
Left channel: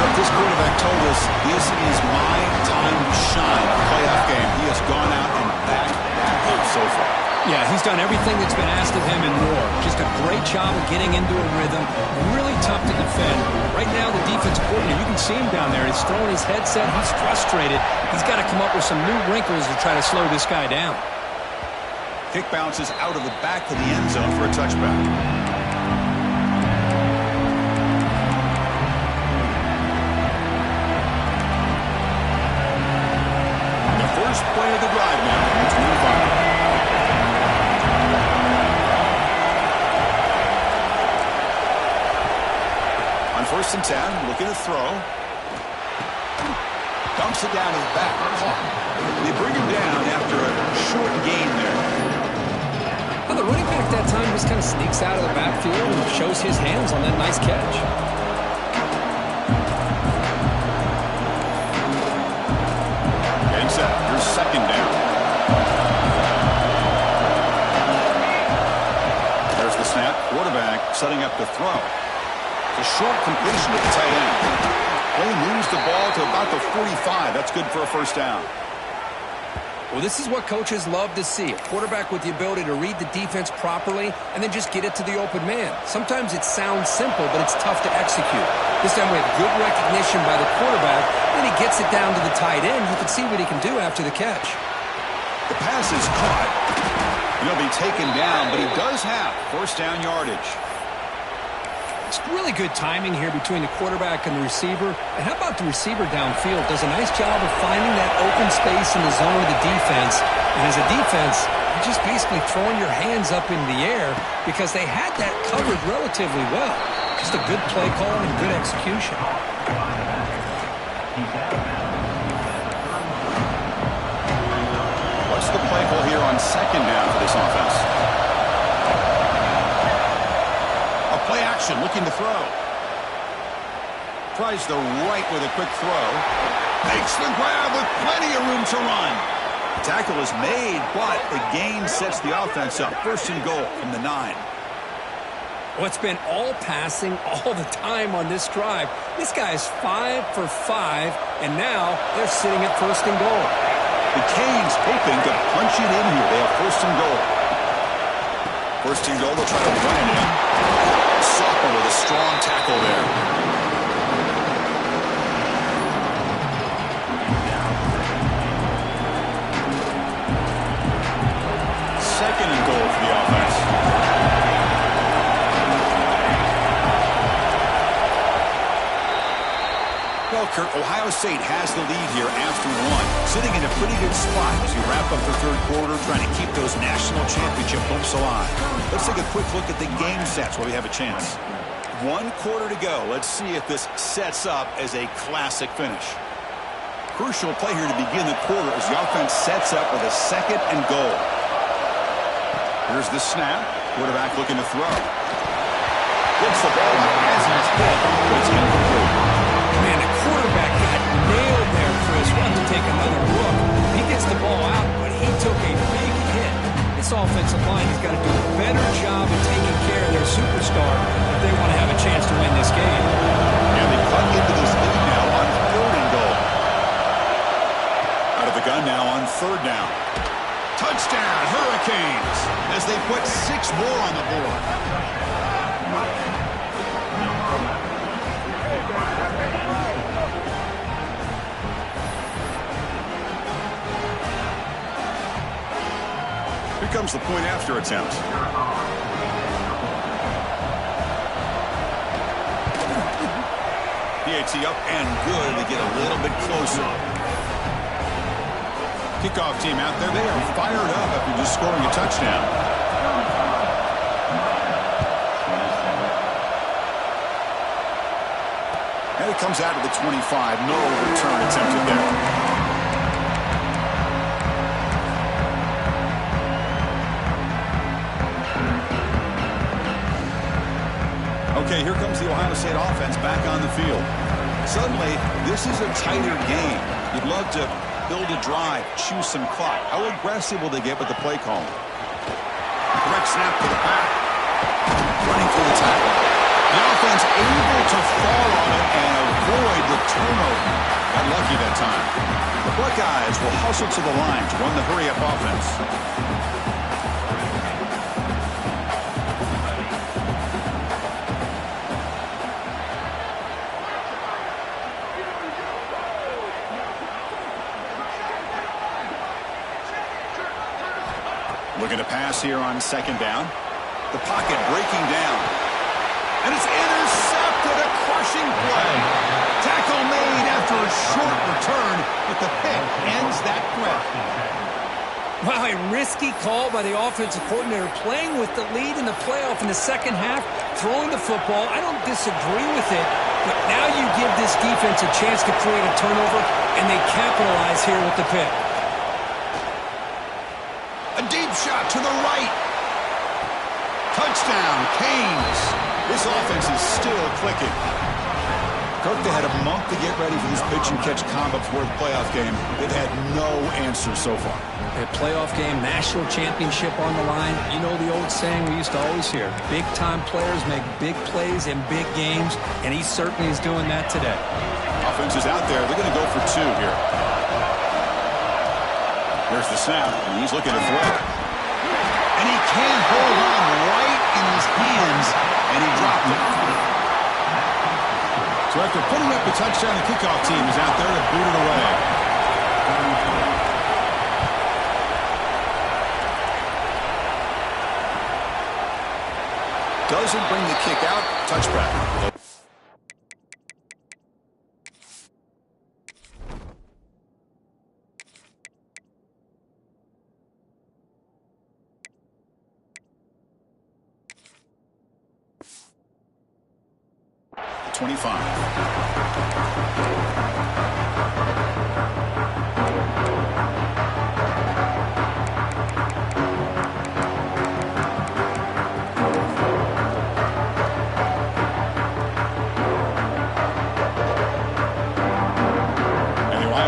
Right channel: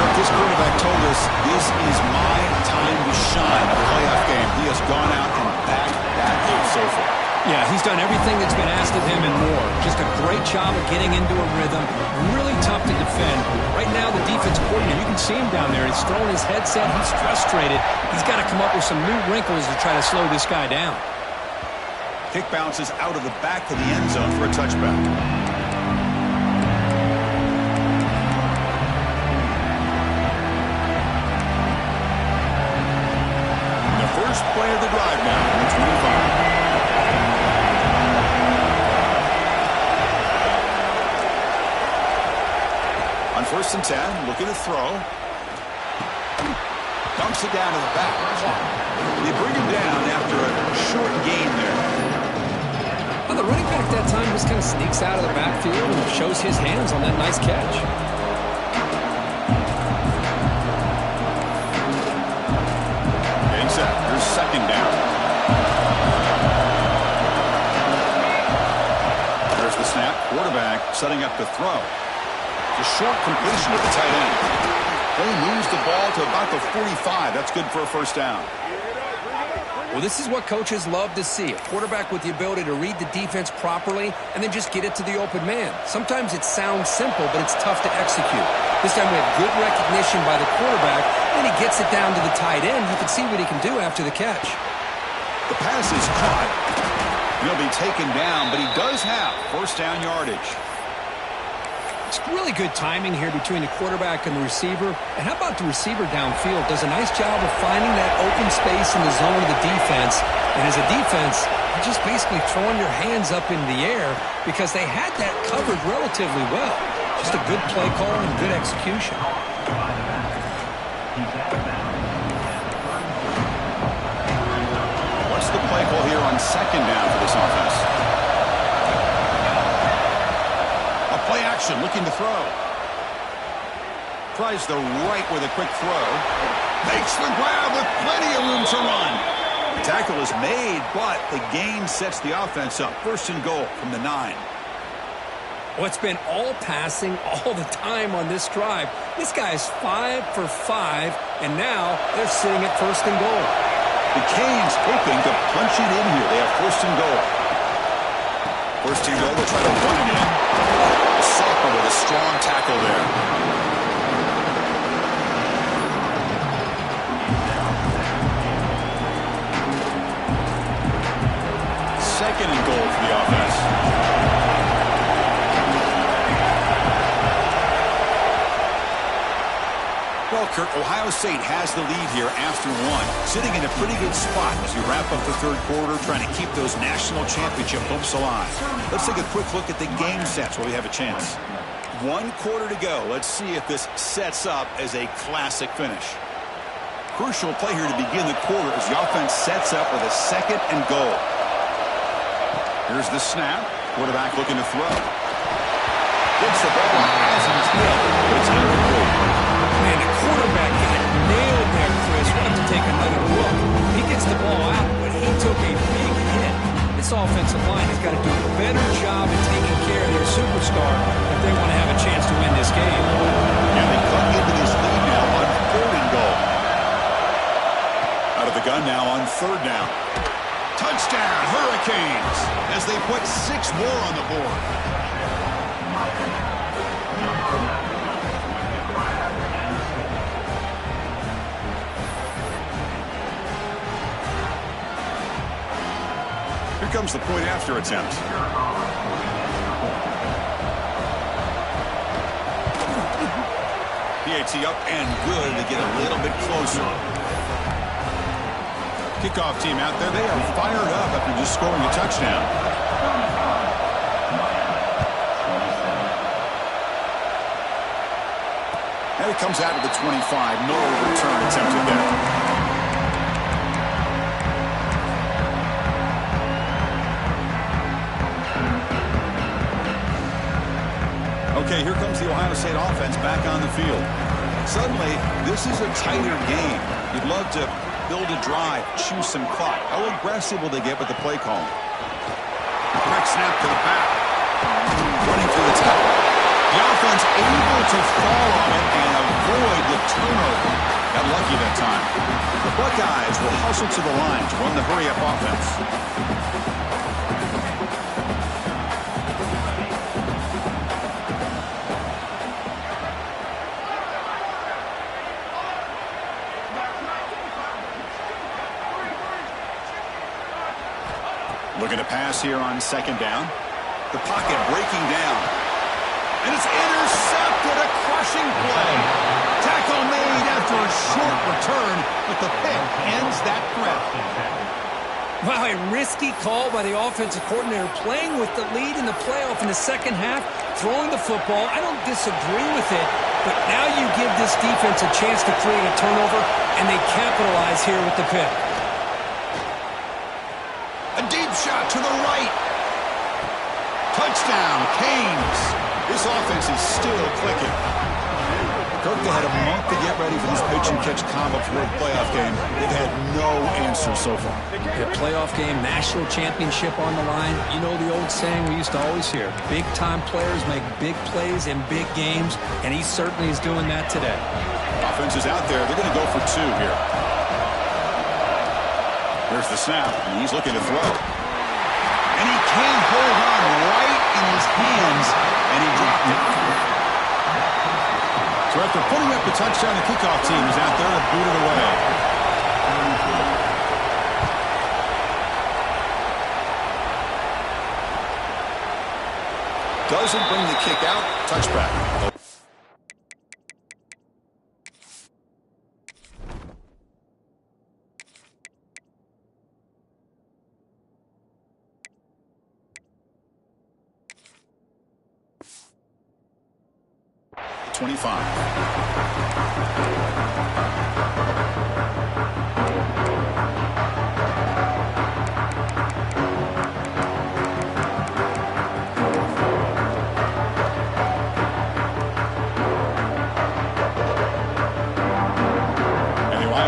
Kirk, this quarterback told us this is my time to shine. A playoff game. He has gone out and backed that up so far. Yeah, he's done everything that's been asked of him and more. Just a great job of getting into a rhythm. Really tough to defend. Right now, the defensive coordinator, you can see him down there. He's throwing his headset. He's frustrated. He's got to come up with some new wrinkles to try to slow this guy down. Kick bounces out of the back of the end zone for a touchback. The first play of the drive now from 25. On 1st and 10, looking to throw. Dumps it down to the back. They bring him down after a short gain there. Well, the running back that time just kind of sneaks out of the backfield and shows his hands on that nice catch. Getting set. Here's second down. There's the snap. Quarterback setting up to throw. A short completion to the tight end. Play moves the ball to about the 45. That's good for a first down. Well, this is what coaches love to see. A quarterback with the ability to read the defense properly and then just get it to the open man. Sometimes it sounds simple, but it's tough to execute. This time we have good recognition by the quarterback. Then he gets it down to the tight end. You can see what he can do after the catch. The pass is caught. And he'll be taken down, but he does have first down yardage. It's really good timing here between the quarterback and the receiver. And how about the receiver downfield? Does a nice job of finding that open space in the zone of the defense. And as a defense, you're just basically throwing your hands up in the air because they had that covered relatively well. Just a good play call and good execution. What's the play call here on second down for this offense? Play action, looking to throw. Tries the right with a quick throw. Makes the grab with plenty of room to run. Tackle is made, but the gain sets the offense up. First and goal from the 9. Well, it's been all passing all the time on this drive. This guy is 5 for 5, and now they're sitting at first and goal. The Canes hoping to punch it in here. They have first and goal. First and goal, they'll try to run it in. Sophomore with a strong tackle there. Second and goal for the offense. Well, Kirk, Ohio State has the lead here after one. Sitting in a pretty good spot as we wrap up the third quarter, trying to keep those national championship hopes alive. Let's take a quick look at the game sets while we have a chance. 1 quarter to go. Let's see if this sets up as a classic finish. Crucial play here to begin the quarter as the offense sets up with a second and goal. Here's the snap. Quarterback looking to throw. Gets the ball as he's hit, but it's incomplete. Man, the quarterback got nailed there, Chris. We'll have to take another look. He gets the ball out, but he took a big hit. This offensive line has got to do a better job of taking care of their superstar if they want to have a chance to win this game. And they cut into this lead now on 3rd and goal. Out of the gun now on 3rd down. Touchdown, Hurricanes, as they put 6 more on the board. Here comes the point after attempt. PAT up and good. They get a little bit closer. Kickoff team out there. They are fired up after just scoring a touchdown. And it comes out to the 25. No return attempted there. Okay, here comes the Ohio State offense back on the field. Suddenly, this is a tighter game. You'd love to build a drive, choose some clock. How aggressive will they get with the play call? Direct snap to the back. Running through the tackle. The offense able to fall on it and avoid the turnover. Got lucky that time. The Buckeyes will hustle to the line to run the hurry-up offense. Looking to pass here on second down. The pocket breaking down. And it's intercepted, a crushing play. Tackle made after a short return, but the pick ends that threat. Wow, a risky call by the offensive coordinator, playing with the lead in the playoff in the second half, throwing the football. I don't disagree with it, but now you give this defense a chance to create a turnover, and they capitalize here with the pick. A deep shot to the right. Touchdown, Canes. This offense is still clicking. Kirk, they had a month to get ready for this pitch-and-catch combo before the playoff game. They've had no answer so far. A playoff game, national championship on the line. You know the old saying we used to always hear, big-time players make big plays in big games, and he certainly is doing that today. Offense is out there. They're going to go for 2 here. There's the snap, and he's looking to throw. And he can't hold on right in his hands, and he dropped it. So after putting up the touchdown, the kickoff team is out there to boot it away. Doesn't bring the kick out. Touchback. The 25.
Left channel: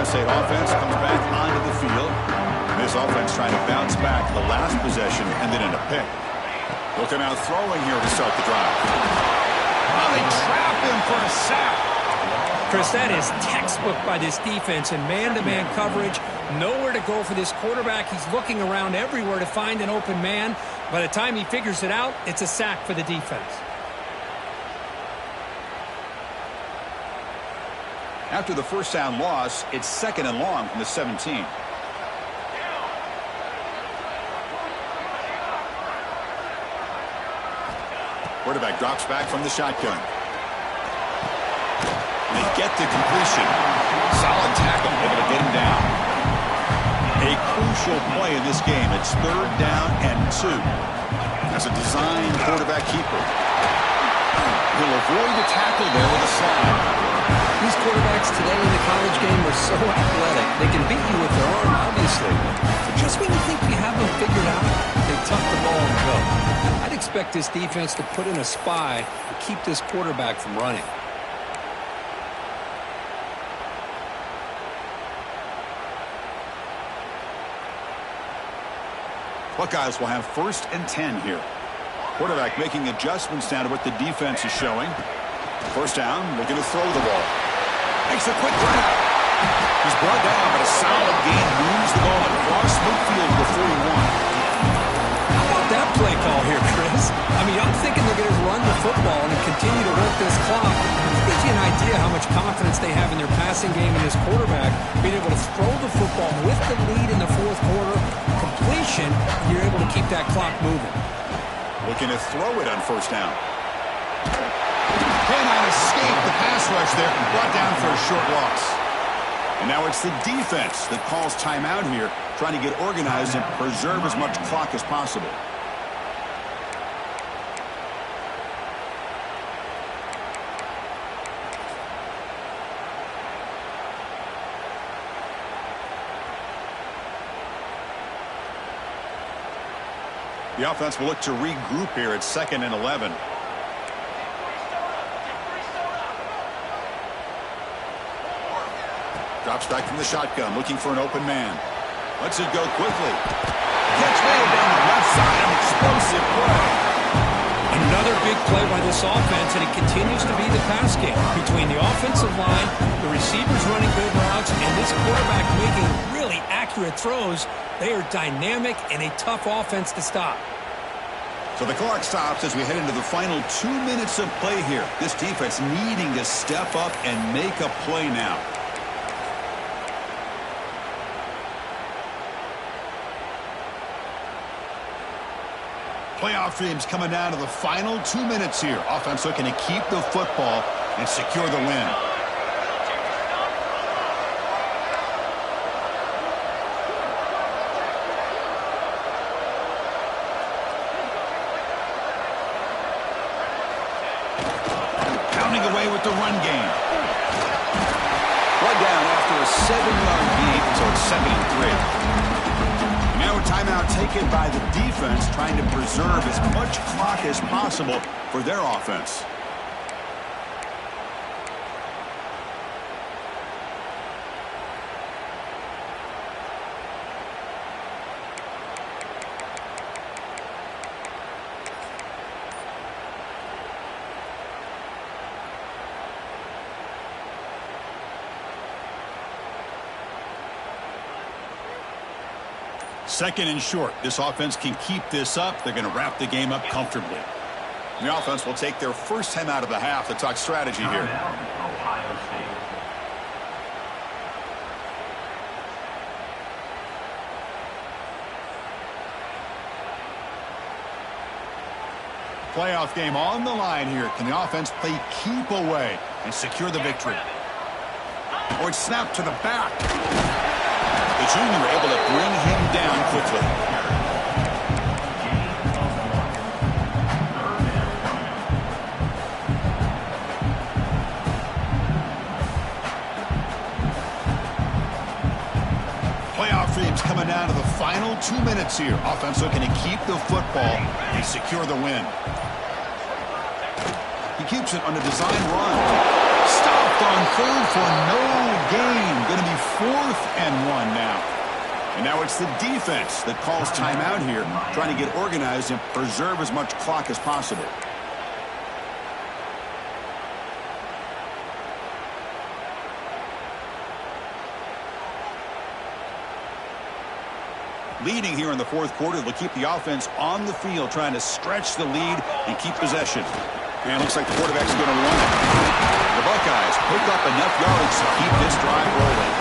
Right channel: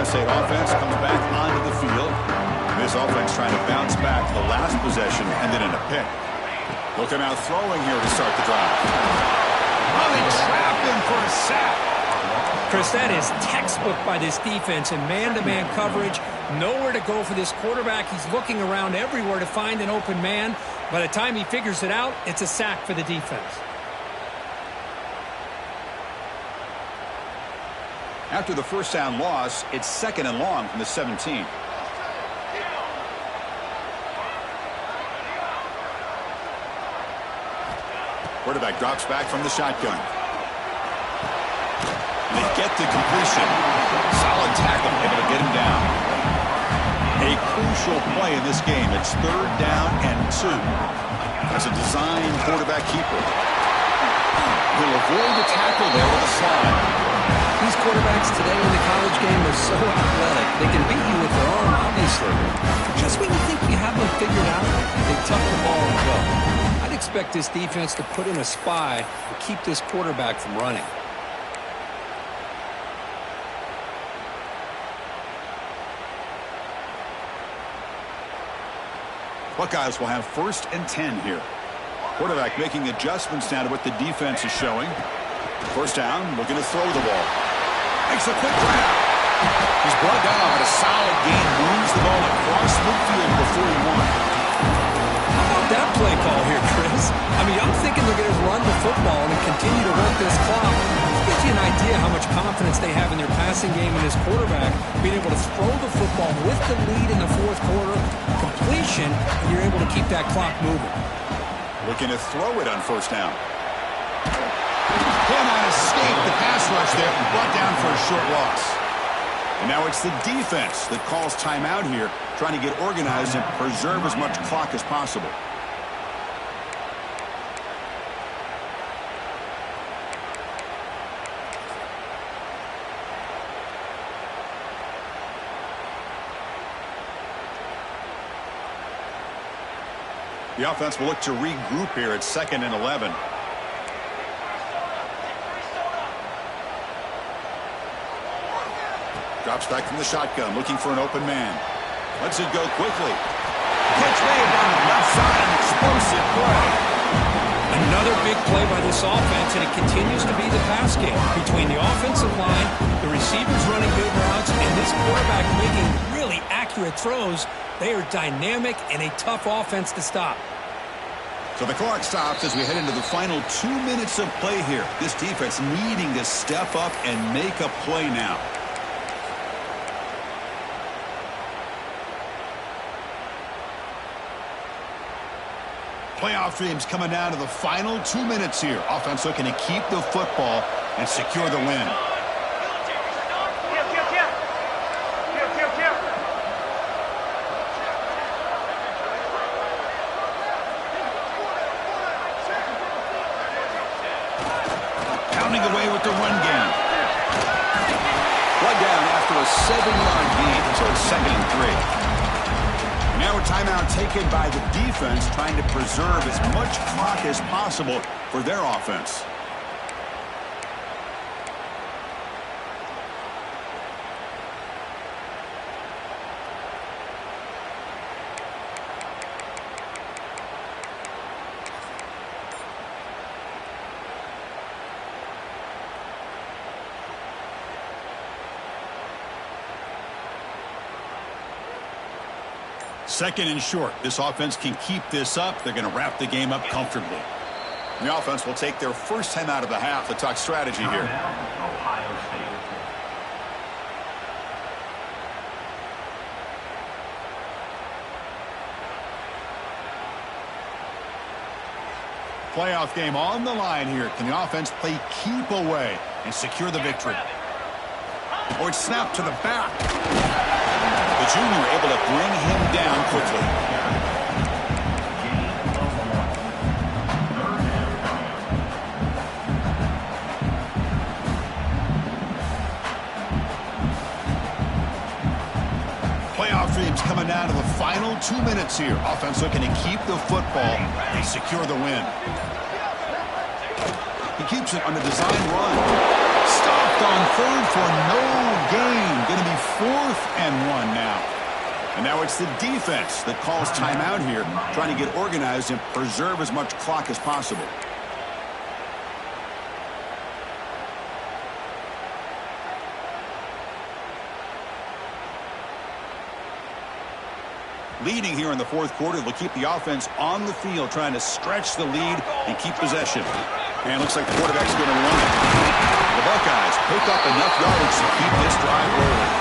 State offense comes back onto the field. This offense trying to bounce back the last possession and then in a pick. They'll come out throwing here to start the drive. Oh, they trap him for a sack. Chris, that is textbook by this defense in man-to-man coverage. Nowhere to go for this quarterback. He's looking around everywhere to find an open man. By the time he figures it out, it's a sack for the defense. After the first down loss, it's 2nd and long from the 17. Quarterback drops back from the shotgun. They get the completion. Solid tackle, able to get him down. A crucial play in this game. It's 3rd down and 2. As a design quarterback keeper. He'll avoid the tackle there with a slide. These quarterbacks today in the college game are so athletic. They can beat you with their arm, obviously. But just when you think you have them figured out, they tuck the ball and go. I'd expect this defense to put in a spy to keep this quarterback from running. Buckeyes will have 1st and 10 here. Quarterback making adjustments now to what the defense is showing. 1st down, looking to throw the ball. Makes a quick grab. He's brought down, but a solid gain moves the ball across midfield before he won. How about that play call here, Chris? I mean, I'm thinking they're going to run the football and continue to work this clock. It gives you an idea how much confidence they have in their passing game and his quarterback being able to throw the football with the lead in the fourth quarter, completion, and you're able to keep that clock moving. Looking to throw it on first down. Cannot escape the pass rush there. Brought down for a short loss. And now it's the defense that calls timeout here, trying to get organized and preserve as much clock as possible. The offense will look to regroup here at 2nd and 11. Drops back from the shotgun, looking for an open man. Lets it go quickly. Catch made down the left side, an explosive play. Another big play by this offense, and it continues to be the pass game between the offensive line, the receivers running good routes, and this quarterback making really accurate throws. They are dynamic and a tough offense to stop. So the clock stops as we head into the final 2 minutes of play here. This defense needing to step up and make a play now. Playoff dreams coming down to the final 2 minutes here. Offense looking to keep the football and secure the win. Pounding away with the run game. Brought down after a 7-yard gain, so it's 2nd and 3. Now a timeout taken by the defense, trying to preserve as much clock as possible for their offense. Second and short. This offense can keep this up. They're going to wrap the game up comfortably. The offense will take their first time out of the half to talk strategy here. Ohio State. Playoff game on the line here. Can the offense play keep away and secure the victory? Or it's snapped to the back. The junior able to bring him down quickly. Gain of 1. 3rd down coming up. Playoff dreams coming down to the final 2 minutes here. Offense looking to keep the football and secure the win. He keeps it on a design run. Stopped on 3rd for no gain. Going to be 4th and 1 now. And now it's the defense that calls timeout here, trying to get organized and preserve as much clock as possible. Leading here in the 4th quarter, they'll keep the offense on the field, trying to stretch the lead and keep possession. And looks like the quarterback's going to run it. The Buckeyes pick up enough yards to keep this drive rolling.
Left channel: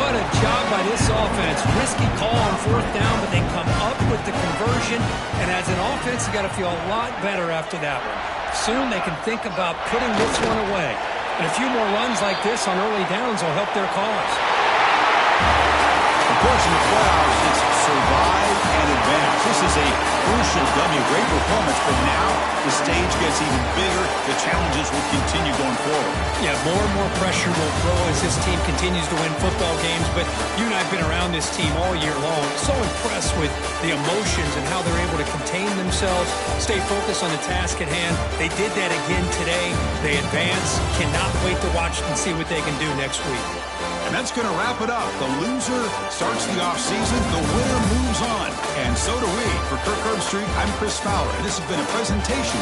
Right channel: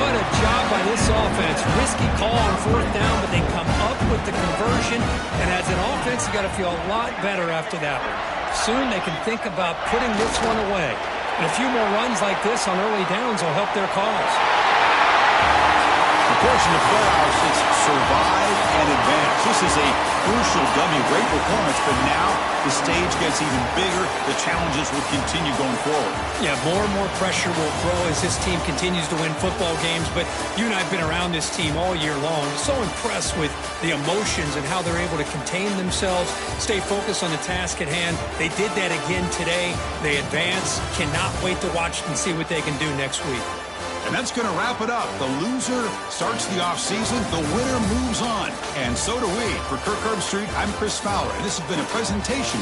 What a job by this offense. Risky call on 4th down, but they come up with the conversion. And as an offense, you got to feel a lot better after that one. Soon they can think about putting this one away. And a few more runs like this on early downs will help their cause. Of course, in the playoffs, it's survive and advance. This is a crucial W. Great performance, but now the stage gets even bigger. The challenges will continue going forward. Yeah, more and more pressure will grow as this team continues to win football games. But you and I have been around this team all year long. So impressed with the emotions and how they're able to contain themselves, stay focused on the task at hand. They did that again today. They advance. Cannot wait to watch and see what they can do next week. And that's going to wrap it up. The loser starts the offseason. The winner moves on. And so do we. For Kirk Herbstreit, I'm Chris Fowler. And this has been a presentation